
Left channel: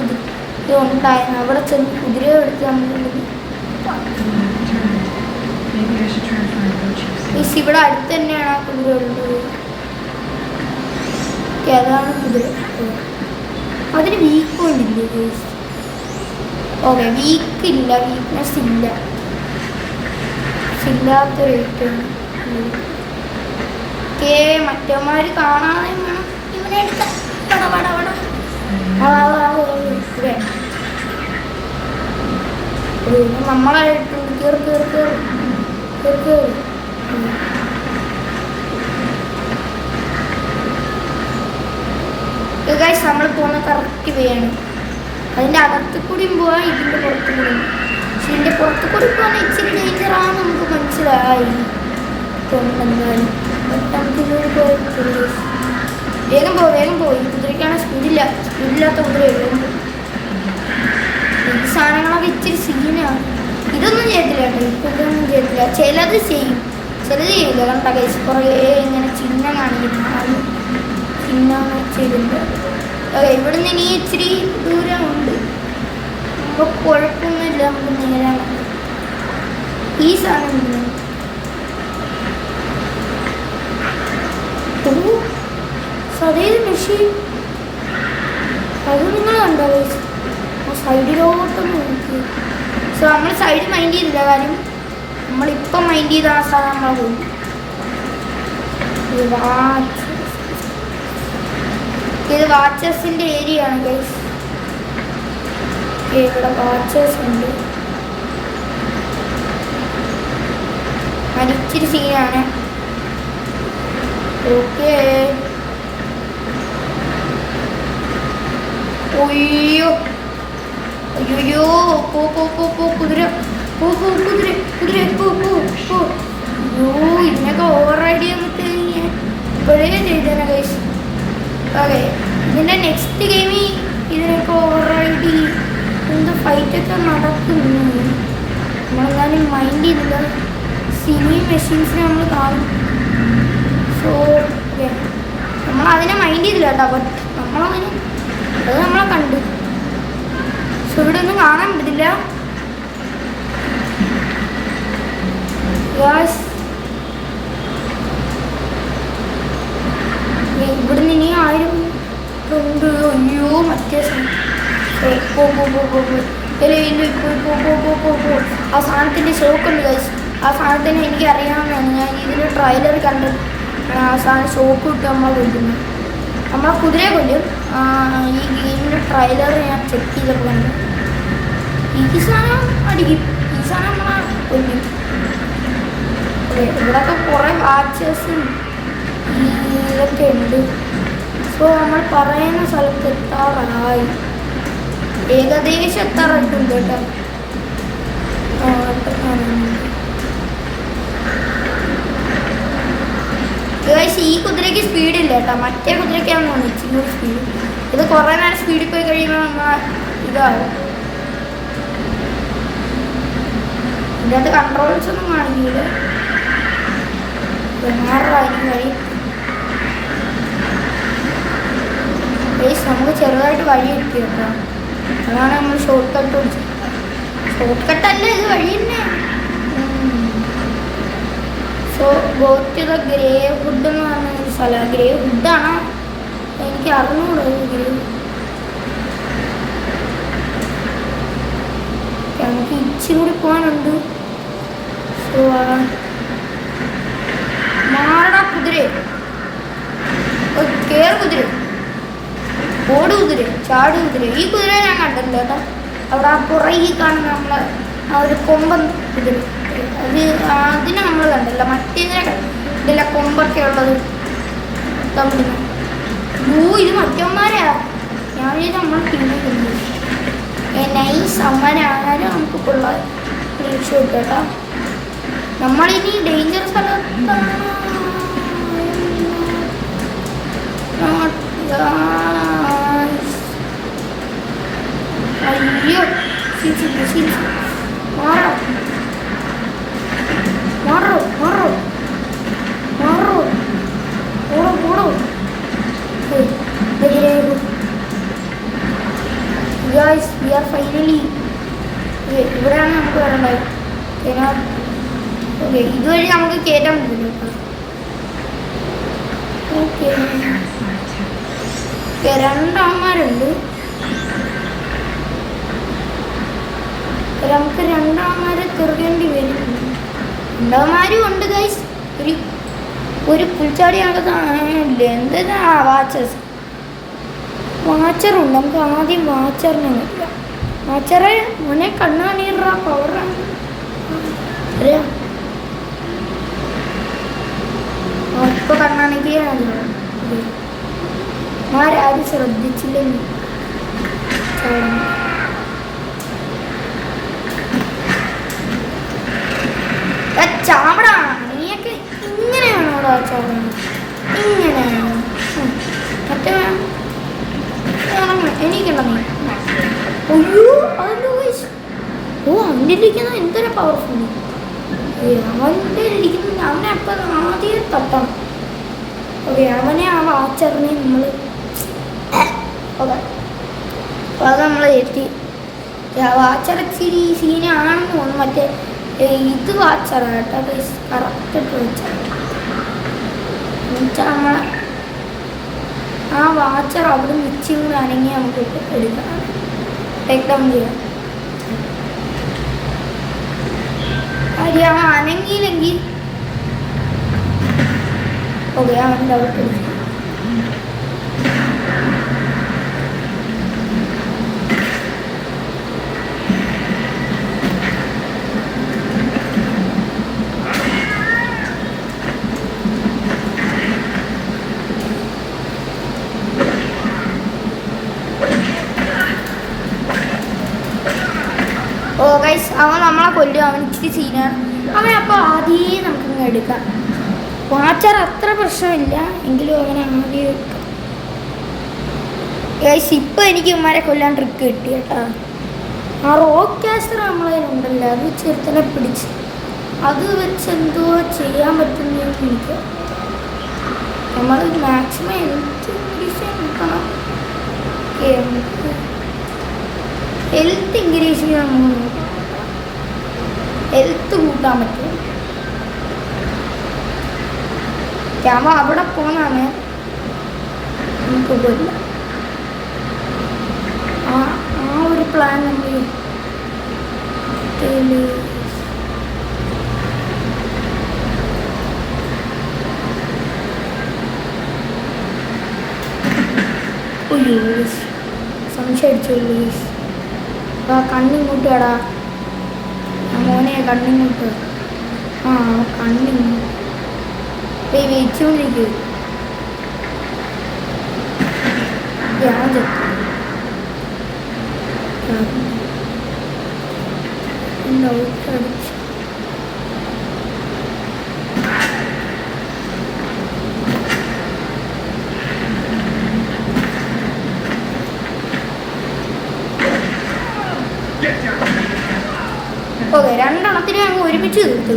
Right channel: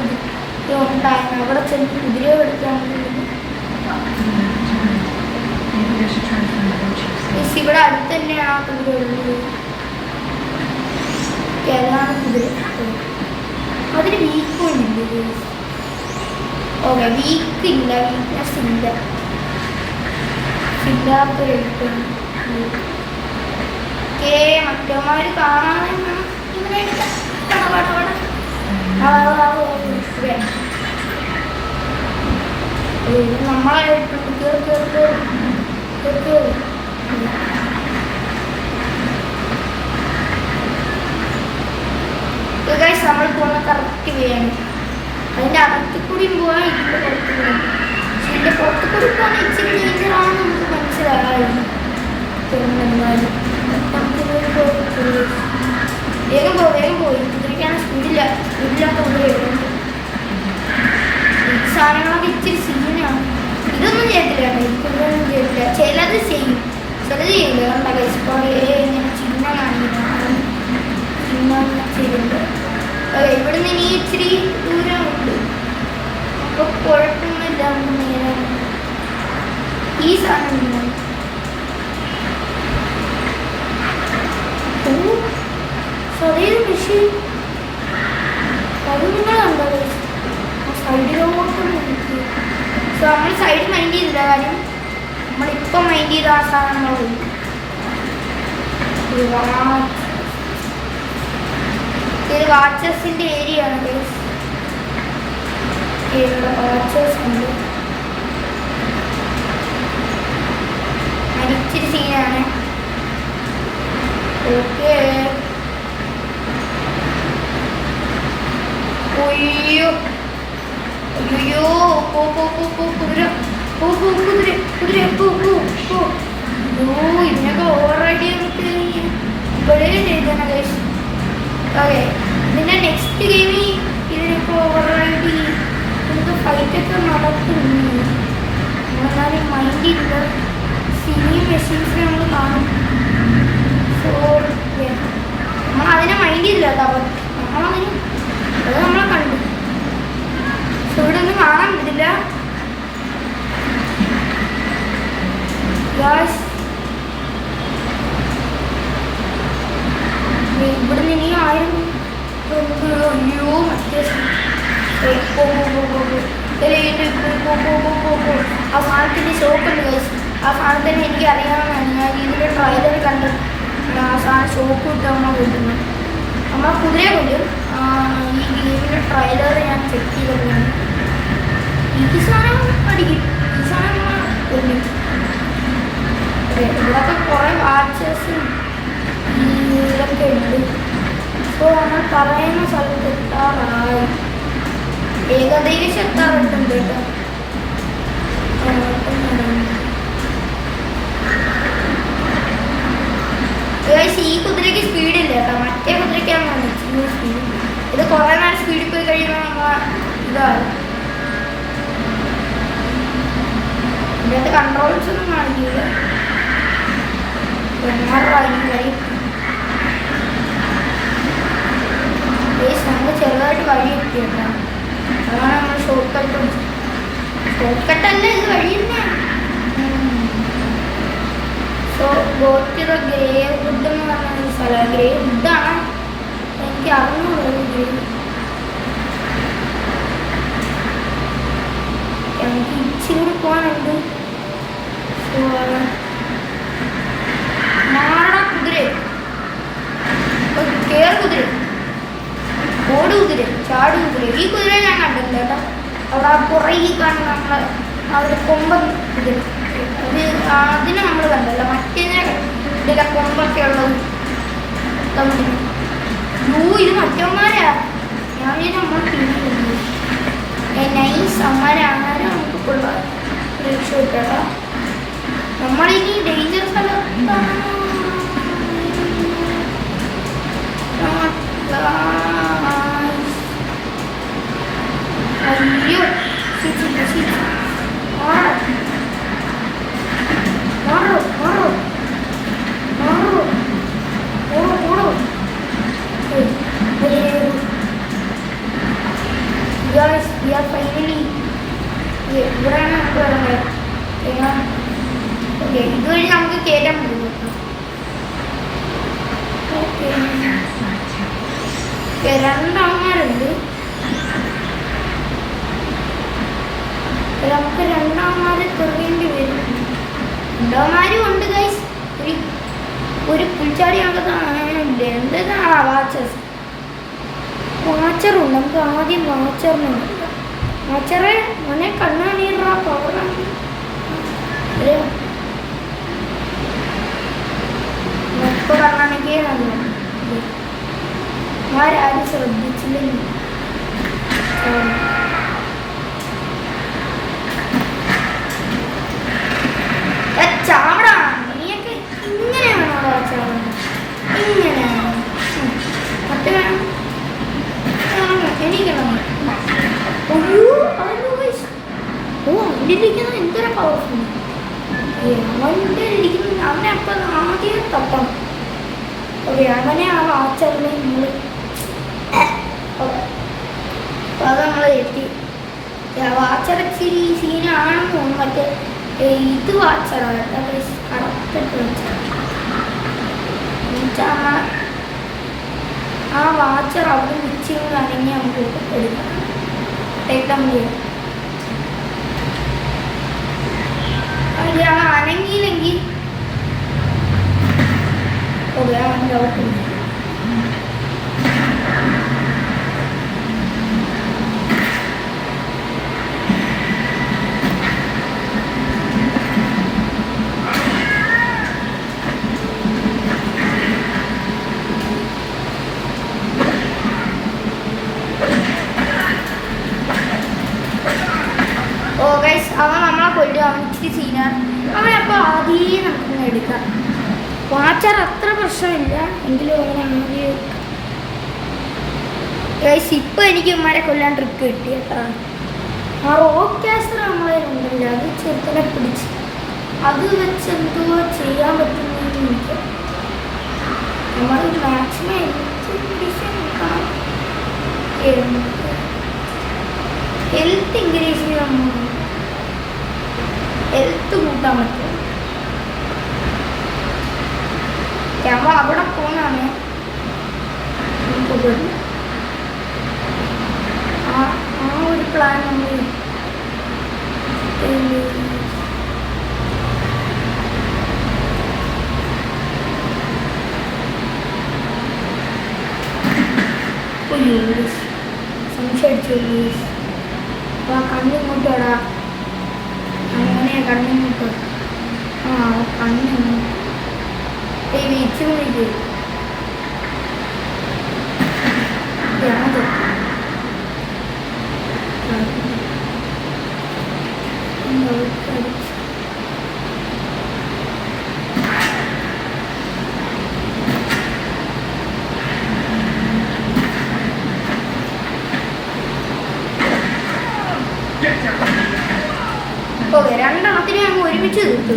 കുതിര ഉണ്ടായിരുന്നു. അവിടെ ചെന്ന് കുതിരയെ എടുത്ത് നമ്മൾ ഇവിടെ അടുത്ത് തന്നെയാണ് ആ കുതിര ഉള്ളത്. അതാണ് കുതിര. അതിന് വീക്കുണ്ടില്ലേ? ഓക്കെ, വീക്കില്ല, വീക്ക്നെസ് ഇല്ല, ഇല്ലാത്തൊരു മറ്റന്മാർ കാണാതെ ഇങ്ങനെ നമ്മളായിട്ടുണ്ട്. നമ്മൾ പോകുന്ന കറക്റ്റ് വേണം. അതിൻ്റെ അകത്ത് കൂടി പോകാൻ ഇതിൻ്റെ പുറത്ത് കൂടി. പക്ഷെ ഇതിൻ്റെ പുറത്ത് കൂടി പോകാൻ ഇച്ചിരി ഡേഞ്ചറാണെന്ന് നമുക്ക് മനസ്സിലായി. വേഗം പോയി. കുതിരയ്ക്കാണ് സ്പീഡില്ലാത്ത കുതിരയുണ്ട്. ഈ സാധനങ്ങളൊക്കെ ഇച്ചിരി സീനാണ്. ഇതൊന്നും ചെയ്തില്ല കേട്ടോ, ഇതൊന്നും ചെയ്തില്ല. ചിലത് ചെയ്യും, ചിലത് ചെയ്യില്ല. കണ്ട കൈസ് കുറേ ഇങ്ങനെ ചിഹ്നം കാണിക്കുന്നുണ്ട്, ചിഹ്നം ചെയ്തിട്ടുണ്ട്. ഇവിടെ നിന്ന് ഇനി ഇച്ചിരി ദൂരമുണ്ട്. അപ്പോൾ കുഴപ്പമൊന്നുമില്ല. നമുക്ക് നേരെ ഈ സാധനം ചെറിയ മെഷീൻ അത് നിങ്ങളുണ്ടോ സൈഡിലോട്ട് നോക്കി. സോ നമ്മൾ സൈഡ് മൈൻഡ് ചെയ്തില്ല. കാര്യം നമ്മളിപ്പം മൈൻഡ് ചെയ്ത ആ സാധനങ്ങൾ ഇത് വാച്ചേഴ്സിൻ്റെ ഏരിയ ആണ് ഗൈസ്. ഇവിടെ വാച്ചേഴ്സ് ഉണ്ട്. ഇച്ചിരി സീനാണ്. ഓക്കെ. അയ്യോ കുതിര ഇന്നൊക്കെ ഓവറൈഡ് ചെയ്തിട്ട് ഇപ്പോഴേ ചെയ്തേനെ ഗൈസ്. ഓക്കെ, ഇതിൻ്റെ നെക്സ്റ്റ് ഗെയിമിൽ ഇതിനൊക്കെ ഓവറൈഡ് എന്ത് ഫൈറ്റൊക്കെ നടക്കുന്നു. എന്നാലും മൈൻഡ് ചെയ്തില്ല. സിനി മെഷീൻസിനെ നമ്മൾ കാണും. സോ നമ്മളതിനെ മൈൻഡ് ചെയ്തില്ല കേട്ടോ. നമ്മളതിന് അത് നമ്മളെ കണ്ടു. സോ ഇവിടെ ഒന്നും കാണാൻ പറ്റില്ല. ഇവിടെ നിന്ന് ഇനി ആരും അയ്യോ മറ്റേ ആ സാധനത്തിൻ്റെ ഷോക്കുണ്ട് ഗൈസ്. ആ സാധനത്തിന് എനിക്ക് അറിയാവുന്നതാണ്. ഞാൻ ഇതിൻ്റെ ട്രെയിലർ കണ്ട് ആ സാധനം ഷോക്ക് വിട്ട് നമ്മൾ കൊല്ലുന്നത്. നമ്മൾ കുതിരയെ കൊല്ലും. ഈ ഗെയിമിൻ്റെ ട്രെയിലർ ഞാൻ ചെക്ക് ചെയ്തിട്ടുണ്ട്. ഈ സാധനം അടിക്കും, ഈ സാധനം കൊല്ലും. ഇവിടെയൊക്കെ കുറേ വാച്ചേഴ്സും ഇതൊക്കെ ഉണ്ട്. സോ നമ്മൾ പറയുന്ന സ്ഥലത്ത് എത്താറായി. ഏകദേശം എത്താറുണ്ട് കേട്ടോ. ഈ കുതിരയ്ക്ക് സ്പീഡില്ല കേട്ടോ. മറ്റേ കുതിരയ്ക്കാണ് ഇച്ചിരി സ്പീഡ്. ഇത് കുറേ നേരം സ്പീഡിൽ പോയി കഴിയുമ്പോൾ നമ്മൾ ഇതാവും. ഇതിനകത്ത് കൺട്രോൾസ് ഒന്നും കാണിക്കില്ല. നമ്മൾ ചെറുതായിട്ട് വഴി എത്തി കേട്ടോ. അതാണ് നമ്മൾ ഷോർട്ട് കട്ട് ഷോർട്ട് കട്ടല്ല, ഇത് വഴി തന്നെ. സോ ഗോറ്റ് ദ ഗ്രേവ് വുഡ് എന്ന് പറഞ്ഞ ഒരു സ്ഥലം. ഗ്രേവ് വുഡാണ്, എനിക്ക് അറിഞ്ഞുള്ളത്. ഗ്രേവ് നമുക്ക് ഇച്ചിരി കൂടി പോകാനുണ്ട്. സോ മാട കുതിര, കേർ കുതിര, ഓട് കുതിര, ചാട് കുതിര. ഈ കുതിര ഞാൻ കണ്ടല്ലോ കേട്ടോ. അവിടെ ആ പുറകെ കാണുന്ന നമ്മളെ അവരുടെ കൊമ്പൻ കുതിര, അത് അതിനെ നമ്മൾ കണ്ടല്ലോ. മറ്റേതിനെ ഇതിലെ കൊമ്പൊക്കെ ഉള്ളത് കണ്ടില്ല. ഇത് മറ്റന്മാരാ. ഞാൻ നമ്മൾ പിന്നെ നൈസ് അമ്മമാരാണാലും നമുക്ക് കൊള്ളാം രക്ഷപ്പെട്ടു കേട്ടോ. നമ്മളിനി ഡേഞ്ചർ സ്ഥലത്താണ്. അയ്യോ Guys, we are finally ഇവിടെയാണ് നമുക്ക് വരേണ്ടത്. ഓക്കെ, ഇതുവഴി നമുക്ക് കയറ്റാൻ പറ്റും. ഓക്കെ, രണ്ടാമന്മാരുണ്ട്. നമുക്ക് രണ്ടാമന്മാരെ തിരകേണ്ടി വരും. രണ്ടാമന്മാരും ഉണ്ട് ഗൈസ്. ഒരു പുൽച്ചാടി അങ്ങനത്തെ എന്താ വാച്ചേഴ്സ്, വാച്ചറുണ്ട്. നമുക്ക് ആദ്യം വാച്ചറിനെ നോക്കാം. വാച്ചറെ മോനെ കണ്ണാണീറാ പവറാണ്. ഇപ്പൊ കണ്ണാണെങ്കിൽ ആരും ശ്രദ്ധിച്ചില്ലെങ്കിൽ ചാവടാ. നീയൊക്കെ ഇങ്ങനെയാണോ വാച്ചാവുന്നത്? ഇങ്ങനെയാണോ? മറ്റേ വേണം എനിക്ക് അവൻ്റെ ഇരിക്കുന്നത് എന്തൊരു പവർഫുൾ. അവൻ്റെ ഇരിക്കുന്നത് അവനെ അപ്പം ആദ്യം തട്ടണം. ഓക്കെ, അവനെ ആ വാച്ചറിനെ നമ്മൾ അപ്പം അത് നമ്മൾ എത്തി. വാച്ചർ ഇച്ചിരി സീനാണെന്ന് തോന്നുന്നു. മറ്റേ ഇത് വാച്ചറാണ് കേട്ടോ, കറക്റ്റായിട്ട് വാച്ചർ നമ്മളെ ആ വാച്ചർ അവിടെ ഇച്ചിരി കൂടെ അനങ്ങി നമുക്ക് എടുക്കണം. ടേക്ക് ഡൗൺ ചെയ്യാം. അവൻ അനങ്ങിയില്ലെങ്കിൽ ഓക്കെ, അവൻ്റെ അവിടെ പിടിക്കും. ഓ ഗൈസ്, അവൻ നമ്മളെ കൊല്ലും. അവൻ ഇച്ചിരി സീനാണ് അവൻ. അപ്പോൾ ആദ്യം നമുക്കിങ്ങനെ എടുക്കാം. വാച്ചർ അത്ര പ്രശ്നമില്ല എങ്കിലും അവനെ ആദ്യം ഗൈസ്. ഇപ്പം എനിക്ക് ഇവന്മാരെ കൊല്ലാൻ ട്രിക്ക് കിട്ടി കേട്ടോ. ആ റോക്ക് കാസ്റ്റർ നമ്മളെ ഉണ്ടല്ലോ, അത് ചെറുത്തനെ പിടിച്ച് അത് വെച്ച് എന്തുവാ ചെയ്യാൻ പറ്റുന്നതെന്ന് എനിക്ക്. നമ്മൾ മാക്സിമം ഹെൽത്ത് ഇൻക്രീസ് നോക്കണം. ഹെൽത്ത് ഇൻക്രീസ് ചെയ്യാൻ ഹെൽത്ത് കൂട്ടാൻ പറ്റും. നമ്മൾ അവിടെ പോകുന്നതാണ് നമുക്കില്ല. ആ ഒരു പ്ലാൻ നമ്മൾ സംശയിച്ചു. ആ കണ്ണിങ്ങോട്ട് വാടാ മോനെ, കണ്ണിങ്ങോട്ട്. ആ കണ്ണിങ്ങോട്ട് വെച്ചുകൊണ്ടിരിക്കും. ഓക്കെ, രണ്ടെണ്ണത്തിന് ഞങ്ങൾ ഒരുമിച്ച് തീർത്തു.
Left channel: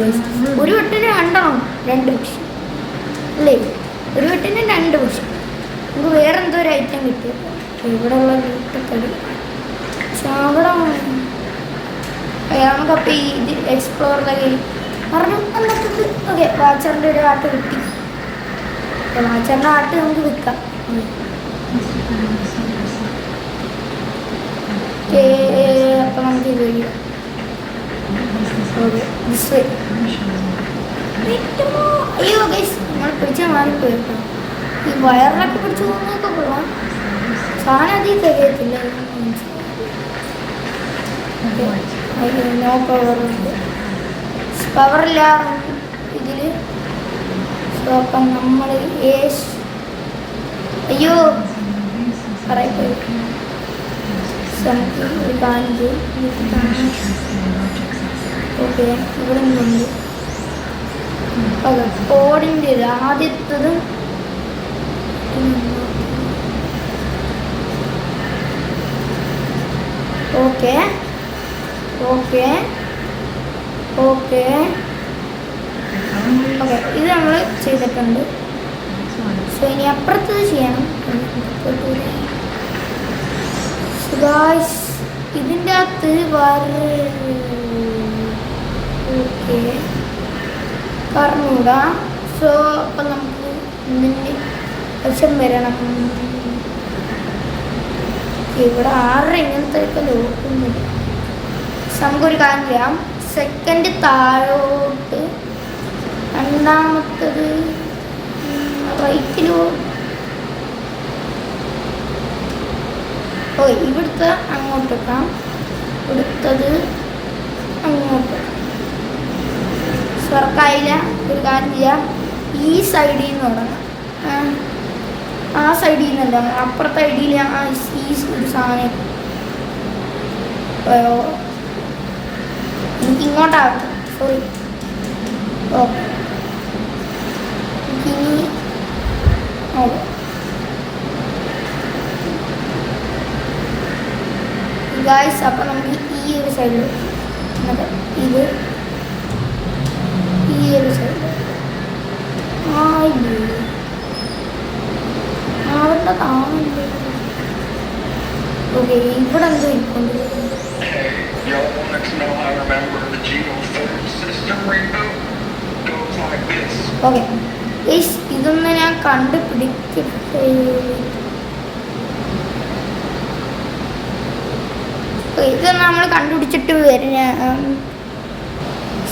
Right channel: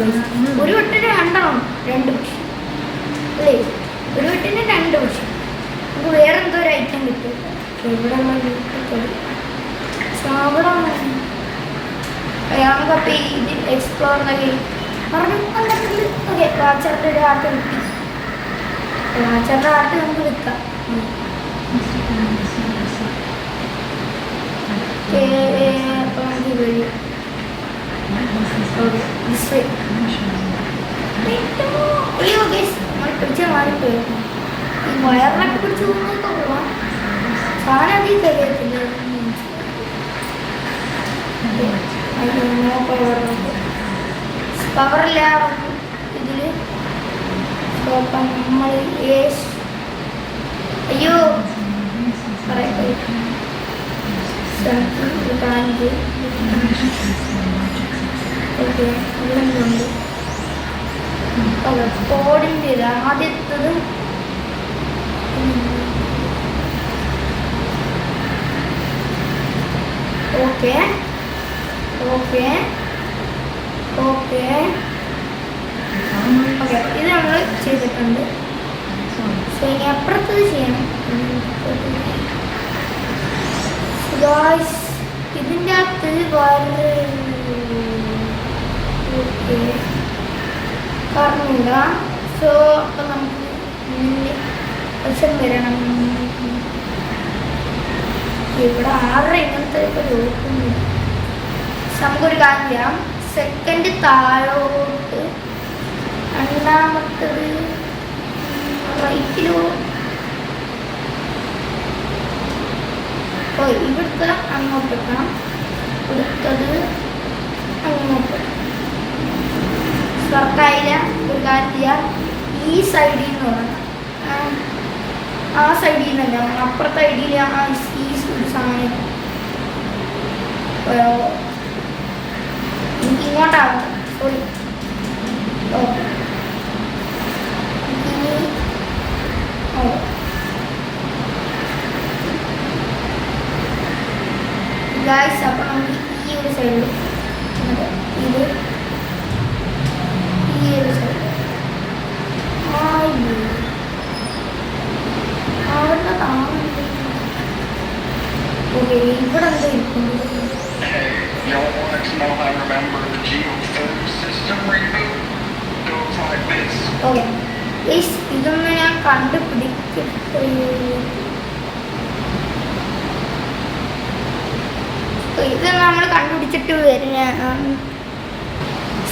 ഒരു വട്ടത്തിന് രണ്ടെണ്ണം, രണ്ട് പക്ഷി. അല്ലേ? ഒരു വീട്ടിന് 2 പക്ഷെ നമുക്ക് വേറെ എന്തോ ഒരു ഐറ്റം കിട്ടും. ഇവിടെ ഉള്ള വീട്ടൊക്കെ നമുക്കപ്പോൾ ഇത് എക്സ്പ്ലോർ പറഞ്ഞു വന്നിട്ടുണ്ട്. ഓക്കെ, വാച്ചറിൻ്റെ ഒരു ആർട്ട് കിട്ടി. വാച്ചറിൻ്റെ ആർട്ട് നമുക്ക് വിൽക്കാം. അപ്പം നമുക്ക് വഴി അയ്യോ ഗൈസ്, നമ്മൾ പിടിച്ച മാറിപ്പോയി. ഈ വയറിനൊക്കെ പിടിച്ച് പോകുന്നതൊക്കെ പോവാം. സാധനം അതിൽ തികയത്തില്ല. നോ പവറുണ്ട്, പവറില്ല ഇതിൽ. സോ അപ്പം നമ്മൾ അയ്യോ പറയപ്പോയി ഒരു കാഞ്ച്. ഓക്കെ, ഇവിടെ നിന്നുണ്ട്. ഓക്കെ, കോഡിൻ്റെ ആദ്യത്തത് ഓക്കെ ഓക്കെ ഓക്കെ ഓക്കെ, ഇത് നമ്മൾ ചെയ്തിട്ടുണ്ട്. സോ ഇനി അപ്പുറത്തത് ചെയ്യണം. ഇതിൻ്റെ അകത്ത് ഓക്കെ പറഞ്ഞൂടാ. സോ അപ്പം നമുക്ക് ഇതിന് വശം വരണം. ഇവിടെ 6 ഇങ്ങനത്തെ ഒക്കെ ലോക്കുന്നു. നമുക്കൊരു കാര്യം ചെയ്യാം. സെക്കൻഡ് താഴോട്ട്, രണ്ടാമത്തത് റൈറ്റിലോ. ഓ, ഇവിടുത്തെ അങ്ങോട്ട് വെക്കാം, ഇവിടുത്തത് അങ്ങോട്ട്. സ്വർക്കായില്ല. ഒരു കാര്യം ചെയ്യാം, ഈ സൈഡിൽ നിന്ന് തുടങ്ങാം. ആ സൈഡിൽ നിന്നല്ല, അപ്പുറത്തെ ഐഡിയിൽ ഈ ഒരു സാധനം എനിക്ക് ഇങ്ങോട്ടാവും. സോറി. ഓക്കെ, എനിക്കിനി ഓക്കെ ഗായ്സ്. അപ്പം നമുക്ക് ഈ ഒരു സൈഡിൽ ഇത് ഈ ഒരു സൈഡ് അവിടെ താമസിക്കും. ഓക്കെ, ഇവിടെ എന്തോ ഇരിക്കുന്നു. Y'all wanted to know how I remember the geothermal system reboot? Goes like this. Okay guys, ഇതൊന്നും ഞാൻ കണ്ടുപിടിക്കട്ടെ. ഇത് നമ്മൾ കണ്ടുപിടിച്ചിട്ട് വരുന്ന.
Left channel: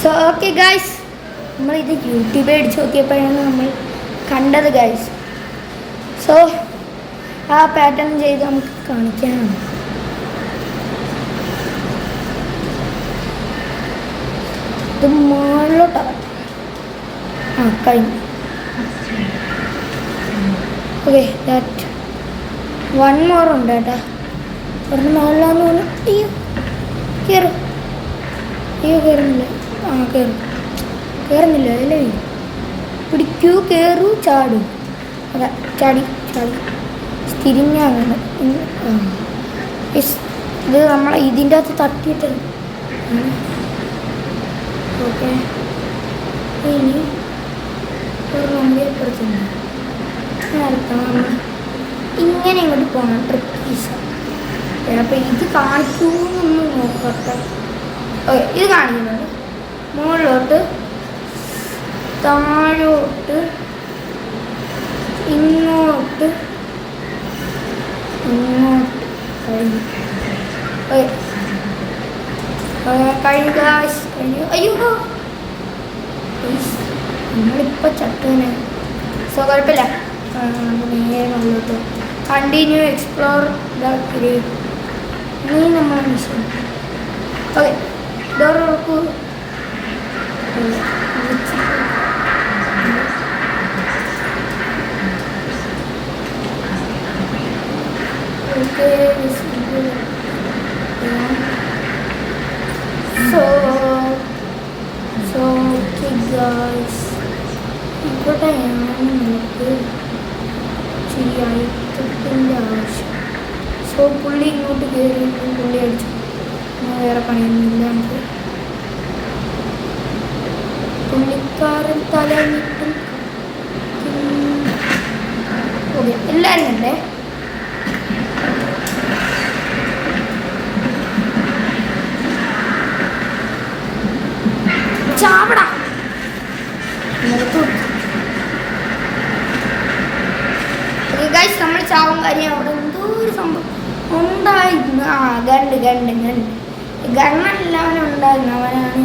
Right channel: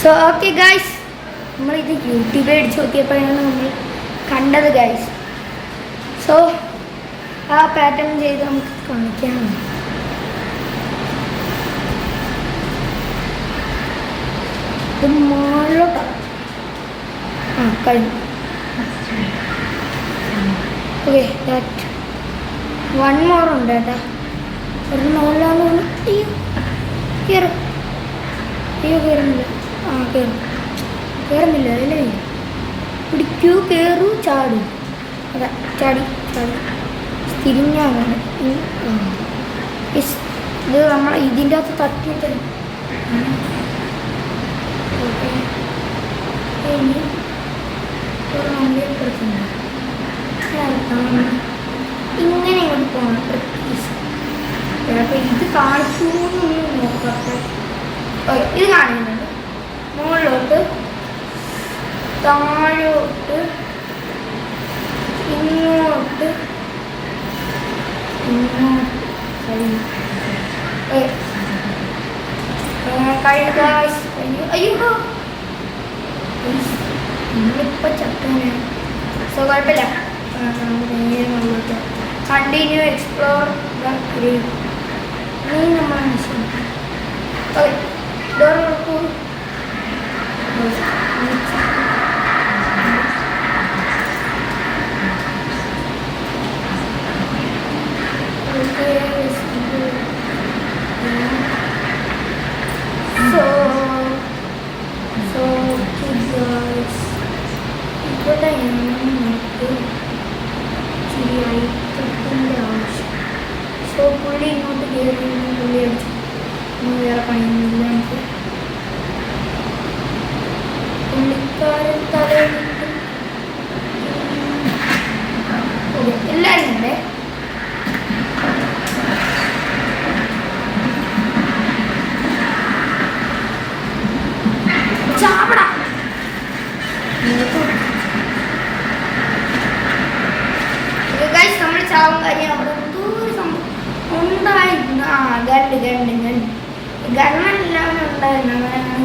സോ ഓക്കെ ഗൈസ്, നമ്മളിത് യൂട്യൂബിൽ അടിച്ച് നോക്കിയപ്പോഴാണ് നമ്മൾ കണ്ടത് ഗൈസ്. സോ ആ പാറ്റേൺ ചെയ്ത് നമുക്ക് കാണിക്കാം. ഇത് മുകളിലോട്ടാണ്. കഴിഞ്ഞു. ഓക്കെ, ദാറ്റ് 1 more ഉണ്ട് കേട്ടാ. ഒരെണ്ണം മുകളിലാന്ന് തോന്നുന്നു. കയറും. അയ്യോ കയറുന്നില്ല. കയറുന്നില്ല. അതിലെ പിടിക്കൂ, കയറൂ, ചാടൂ. അതെ, ചാടി തിരിഞ്ഞാണ്. ഇത് നമ്മൾ ഇതിൻ്റെ അകത്ത് തട്ടിയിട്ട്. ഓക്കെ, ഇനി ഒരു വണ്ടിയെപ്പുറത്തുണ്ട്. ഇങ്ങനെ ഇങ്ങോട്ട് പോകണം. ട്രിപ്പീസ് അപ്പം ഇത് കാണിക്കുമെന്നൊന്നും നോക്കട്ടെ. ഓക്കെ, ഇത് കാണിക്കുന്നുണ്ട്. മുകളിലോട്ട്, താഴോട്ട്, ഇങ്ങോട്ട്, കഴിഞ്ഞു. അയ്യോ, നമ്മളിപ്പോൾ ചട്ടൂനെ. സോ കുഴപ്പമില്ല, നേരെ മുകളിലോട്ട് കണ്ടിന്യൂ എക്സ്പ്ലോർ ഇനി നമ്മൾ മിഷൻ. ഓക്കെ, ഡോർ നോക്കൂ. ഇവിടെ നമുക്ക് ശരിയായിട്ടിൻ്റെ ആവശ്യം. സോ പുള്ളി ഇങ്ങോട്ട് കയറി, പുള്ളി അടിച്ചു. വേറെ പണിയൊന്നുമില്ല നമുക്ക്. പുള്ളിക്കാരൻ തലയിട്ടും ഗണ്ണല്ലാവനും ഉണ്ടായിരുന്നു, അവനാണ്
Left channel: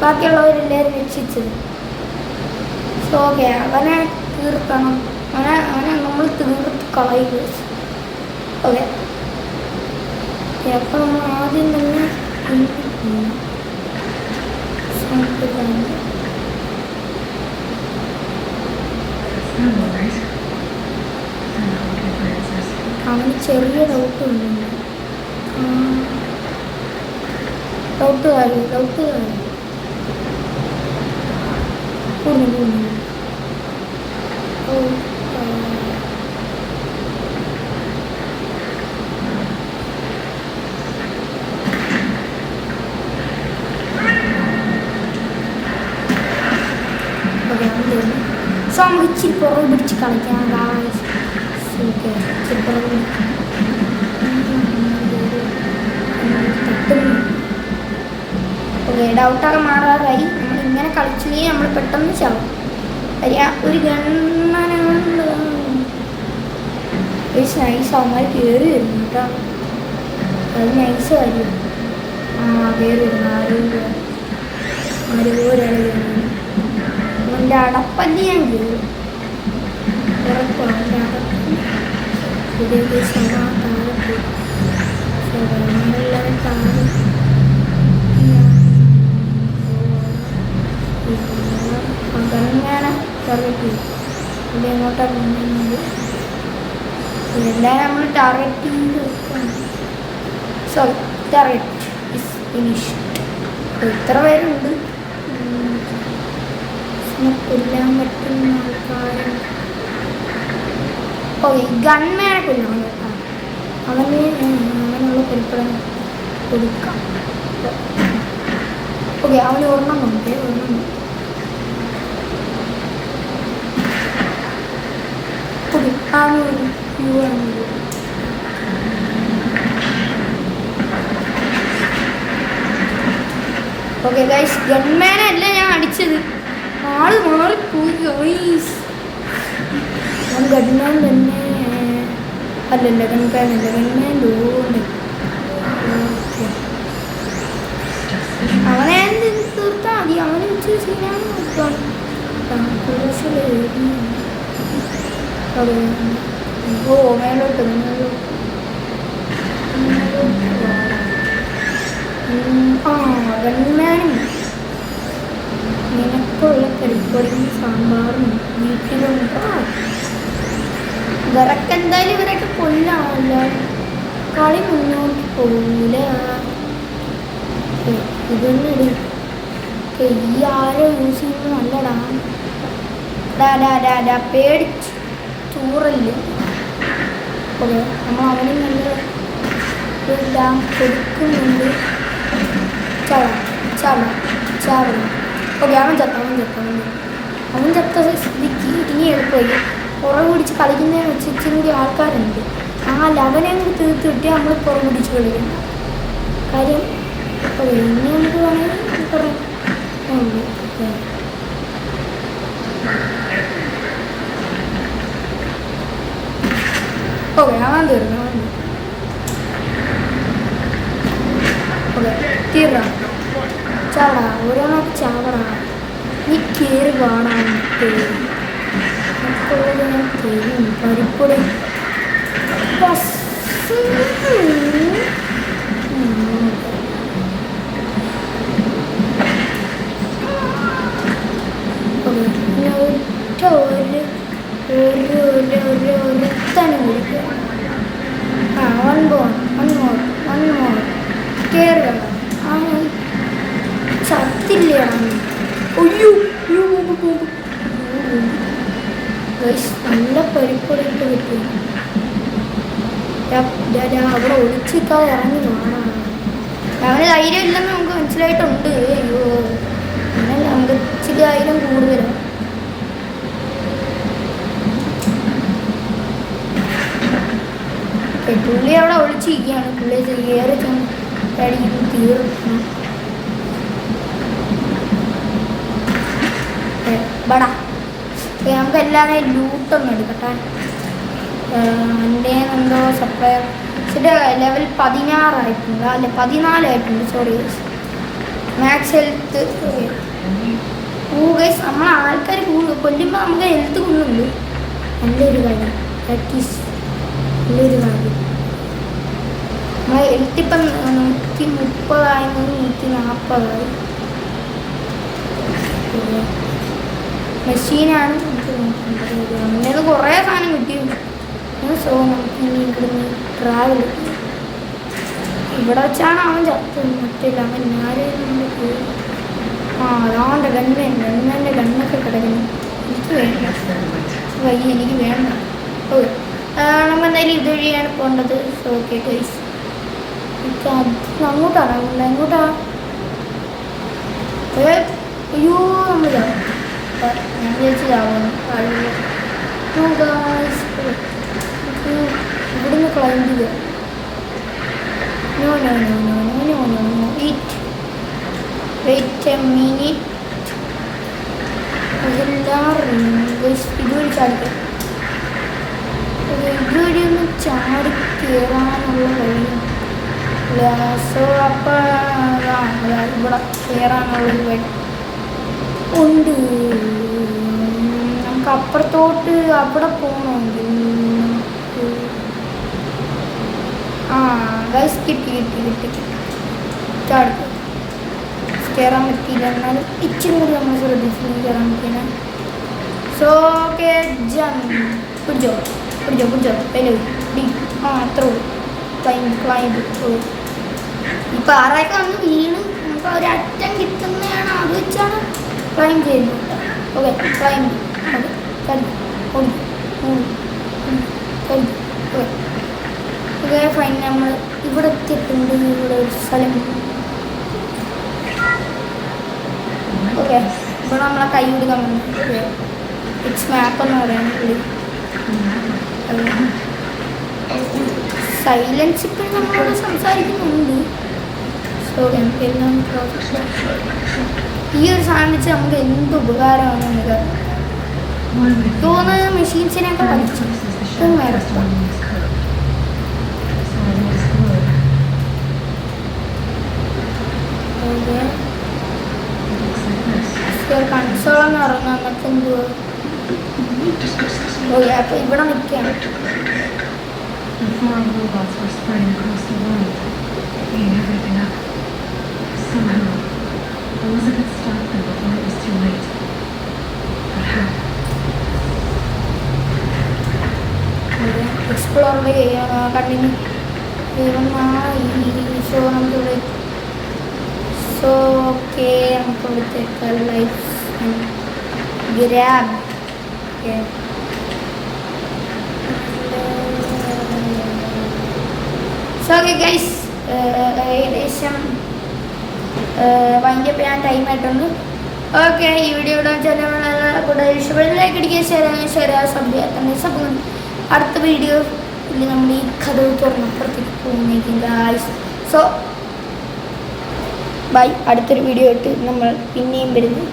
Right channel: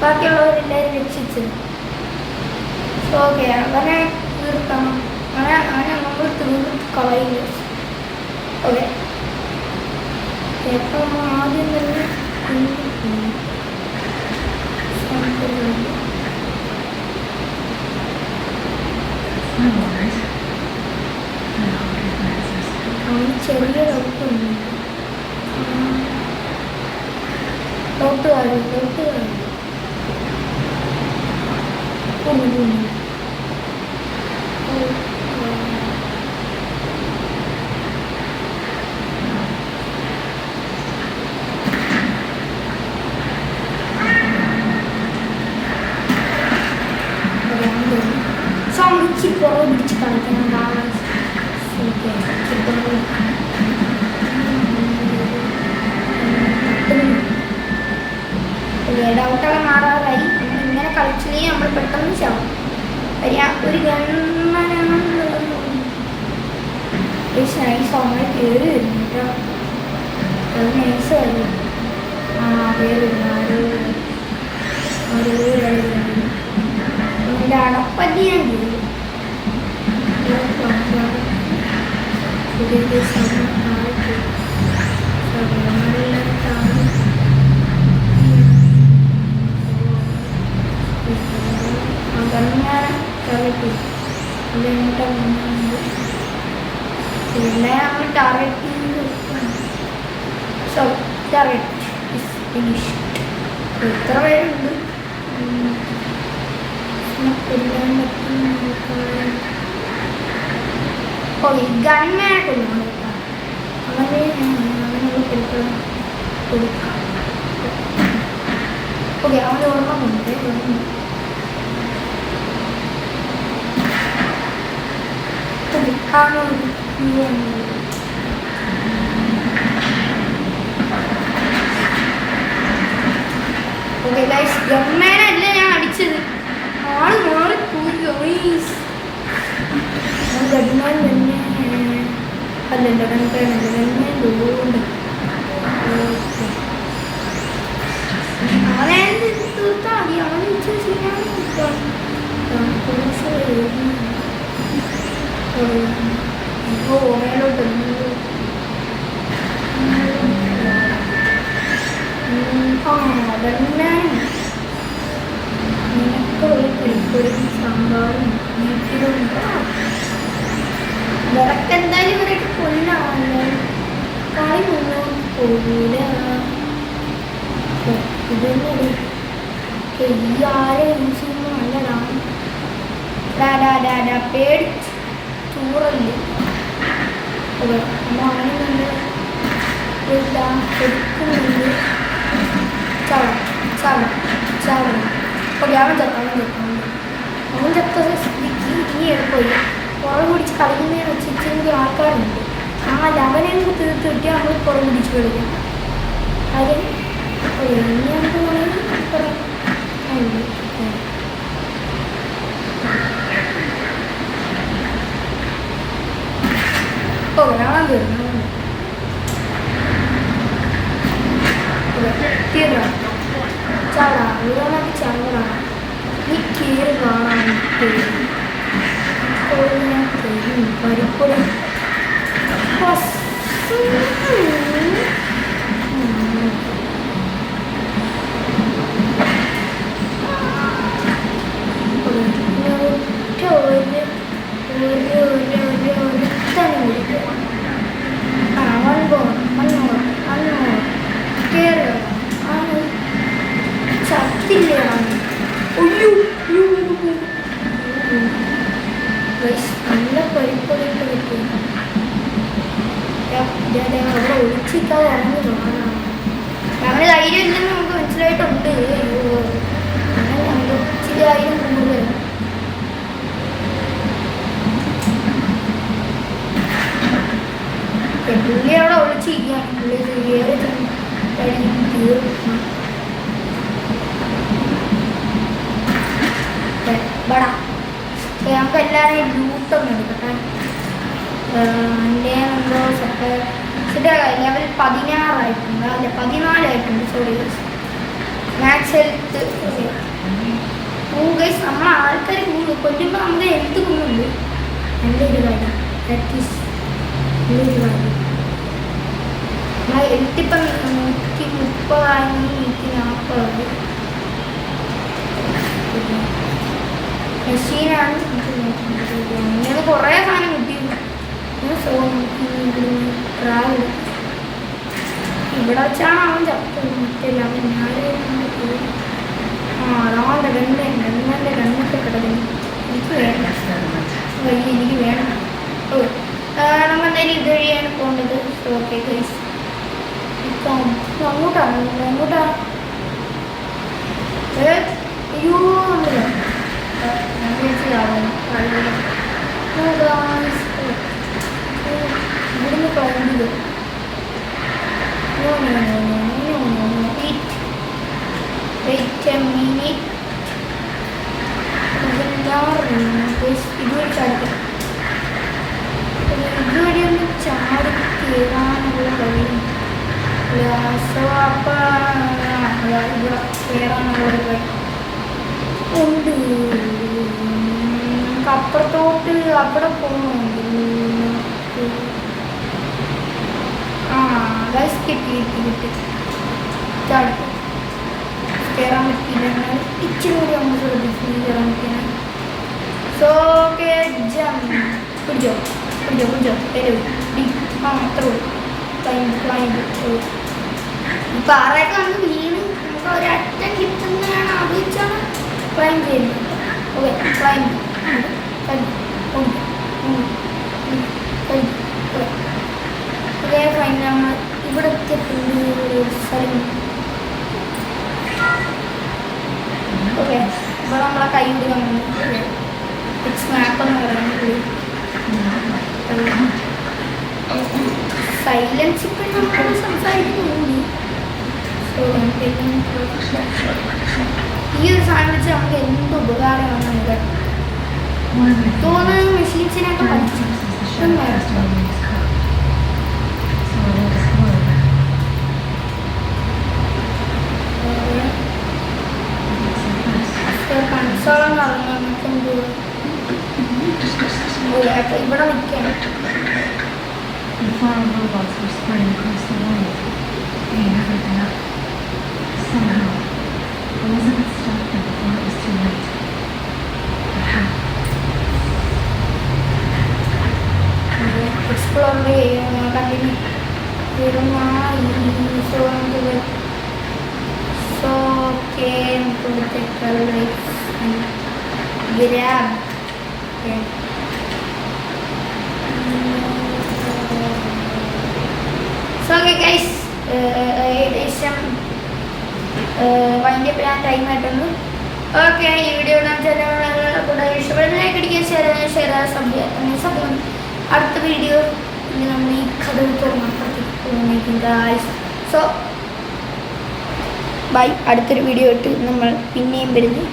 ബാക്കിയുള്ളവരെല്ലാവരും രക്ഷിച്ചത്. സോ ഓക്കെ, അവനെ തീർക്കണം, അവനെ നമ്മൾ തീർത്ത് കളയുക. ഓക്കെ, അപ്പം ആദ്യം തന്നെ അവന് ചെറിയ ഡൗട്ടുണ്ട്. ഡൗട്ട് കാര്യം സോ നമുക്ക് ഇച്ചിരി പുറകെ പിടിച്ച് കളിക്കാം. ഡൗട്ടൊക്കെ മാറാറായി. നമ്മളിങ്ങനെ കളിച്ചില്ലെങ്കിൽ നമ്മൾ പെട്ടെന്ന് ചാവും. ഒരു നൈസ് അവന്മാർ കയറി വരുന്നു കേട്ടോ. അത് നൈസ് കാര്യം. കയറി വരുന്നു അവൻ്റെ അടപ്പല്ലി ഞാൻ കയറി. ഇതെല്ലാം നമ്മൾ ടാർഗറ്റ് ചെയ്ത് വെക്കണം. So target is finished. എത്ര പേരുണ്ട്? കൊല്ലാൻ പറ്റുന്ന ആൾക്കാർ. ഓ, ഈ ഗൺമാനെ കൊല്ലണം കേട്ടോ. അവനുള്ള പരിപ്പടം കൊടുക്കാം. ഓക്കെ, അവന് ഓർമ്മയുണ്ട്. ഓക്കെ ഗൈസ്, ഗൺമാനല്ല ഞാൻ അടിച്ചത്. ആള് മാറിപ്പോയി. ഗൺമാൻ തന്നെ അല്ലല്ല, ഗൺമാനല്ല, ഗൺമാൻ തോന്നുന്നു. അവനെ തീർത്താൽ മതി. അവനെ ശരിയാണ്. ഓ, മേലോട്ട് ഗൺമാനും നിനക്കുള്ള കരിപ്പൊടിയും സാമ്പാറും ഇവരൊക്കെ എന്തായാലും ഇവരൊക്കെ കൊല്ലാമല്ലോ. കളി മുന്നോട്ട് പോകൂല. ഇതൊന്നും ഈ ആരെ യൂസ് ചെയ്യുമ്പോൾ നല്ലതാണ്. പേടിച്ച് ചൂറല്ലേ. അതെ, നമ്മൾ അവന് നല്ല എല്ലാം കൊടുക്കുന്നുണ്ട്. ചാവണം. ഓക്കെ, അവൻ ചത്ത സ്ഥിതിക്ക് ഇനി എടുപ്പോയി പുറം പിടിച്ച് കളിക്കുന്നതിനെ വെച്ച് ഇച്ചിരി കൂടി ആൾക്കാരുണ്ട്. അവനെ നമുക്ക് തീർത്ത് കിട്ടിയാൽ നമ്മൾ പുറം പിടിച്ച് കളിക്കും. കാര്യം ഇനി നമുക്ക് വേണമെങ്കിൽ പുറം ഓക്കെ, അവൻ തീർന്നു. ചാവണ ഓരോന്നൊക്കെ ചാവണ. നീ കയറി കാണാൻ ഞാൻ തരും പരിപ്പൊടി. നല്ല പരിപ്പൊടിയിട്ട് കിട്ടും. അവിടെ ഒളിച്ചിരിക്കാതെ ഇറങ്ങി. അവന് ധൈര്യം ഇല്ലെന്ന് നമുക്ക് മനസ്സിലായിട്ടുണ്ട്. അങ്ങനെ നമുക്ക് ഇച്ചിരി ധൈര്യം കൂടുതലാണ്. പുള്ളി അവിടെ ഒളിച്ചിരിക്കുകയാണ്. പുള്ളി ഏറെ തീർന്നു. ബടാ നമുക്ക് എല്ലാവരെയും ലൂട്ടൊന്നും എടുക്കട്ടെ. എൻ്റെ എന്തോ ലെവൽ 16 ആയിട്ടുണ്ട്, അല്ലെ 14 ആയിട്ടുണ്ട്. Sorry max health. ഗൈസ് നമ്മൾ ആൾക്കാർ കൊല്ലുമ്പോൾ നമുക്ക് ഹെൽത്ത് കൂടുന്നുണ്ട്. നല്ലൊരു കാര്യം, പ്രാക്ടീസ് നല്ലൊരു കാര്യം. നമ്മളെ ഹെൽത്ത് ഇപ്പം 130 140 മെഷീനാണ്. അങ്ങനെ കുറേ സാധനം കിട്ടിയിരുന്നു. സോ നമുക്ക് ഇവിടുന്ന് ട്രാവൽ ഇവിടെ വെച്ചാണ് അവൻ ചത്തില്ല. അവൻ ഞാനും പോയി. അവൻ്റെ ഗണ്ണൻ്റെ ഗണ്ണൊക്കെ കിടക്കുന്നു. എനിക്ക് വേണ്ട, വയ്യ, എനിക്ക് വേണം. ഓ നമ്മൾ എന്തായാലും ഇത് വഴിയാണ് പോകേണ്ടത്. സോ ഓക്കെ ഗൈസ്, അങ്ങോട്ടാണ് അങ്ങോട്ടാണ്. അയ്യോ ഞാൻ വിചാരിച്ചതാവുന്നു. ഇവിടുന്ന് ക്ലൈംബ് ചെയ്ത് വെയിറ്റ് എ മിനിറ്റ്. ഇതുവഴി ചാടിക്കും. ഇതുവഴി ഒന്ന് ചാടി കയറാനുള്ള വഴിയും. സോ അപ്പോൾ ഇവിടെ കയറാനുള്ളൊരു വഴി ഉണ്ട്. നമുക്ക് അപ്പുറത്തോട്ട് അവിടെ പോകണമെങ്കിൽ ഗൈസ് കിട്ടി ചാടിക്കും. കയറാൻ പറ്റിയില്ല, എന്നാൽ ഇച്ചിരി കൂടി നമ്മൾ ശ്രദ്ധിച്ചു കയറാൻ പറ്റില്ല. സോ ഓക്കെ പിടിച്ചോ ഹലോ ഡി അത്ര ക്ലൈംബ്. ഈ പാറയൊക്കെ വന്ന് വീണ് നമുക്ക് ഒരറ്റം കിട്ടുന്നതാണ്, അത് വെച്ചാണ് ക്ലൈംബ് ചെയ്യുന്നത്. Okay climb okay fine. നമ്മൾ ഇവിടെ എത്തിയിട്ടുണ്ട്. ഇവിടെ ഒരു സ്ഥലം. ഓക്കെ ഇപ്പോൾ നമ്മളെ കൈ വിടുക ഇറ്റ്സ് മാപ്പ് എന്ന് പറയുന്നത്. സൈലൻസ് ഇപ്പോഴും നമ്മൾ സംസാരിക്കുന്നുണ്ട്. സോ നമുക്കെല്ലാം ഈ ഒരു സാധനം വെച്ച് നമുക്ക് എന്ത് ഉപകാരമാണ് നമുക്ക് തോന്നുന്നത്. മെഷീൻസിനെയൊക്കെ പഠിച്ചു കൺസോളം ഇറങ്ങാൻ നമുക്കെന്തോ അപ്പൊ ഇവിടെ നിൽക്കാൻ. The foreign robots were spreading across the world, eating everything up. Somehow, Elizabeth stopped them before it was too late. But how? Explore ചെയ്യാൻ കണ്ടിന്യൂ. സോ ഓക്കെ നമുക്ക് ഇവിടുത്തെ life grab. Okay so okay guys, ഏകദേശം wind up ചെയ്യാൻ time ആയിട്ടുണ്ട്. Okay ഈ video കൂടെ ഇഷ്ടപ്പെടുന്നതിലേക്ക് അടിക്കുക, ഷെയർ അടുത്ത വീഡിയോ നമ്മൾ ഈ കഥ തുറന്നേക്കും ഗൈസ്. So bye. അടുത്തൊരു വീഡിയോ ഇട്ട് നമ്മൾ പിന്നെയും വരുന്നു.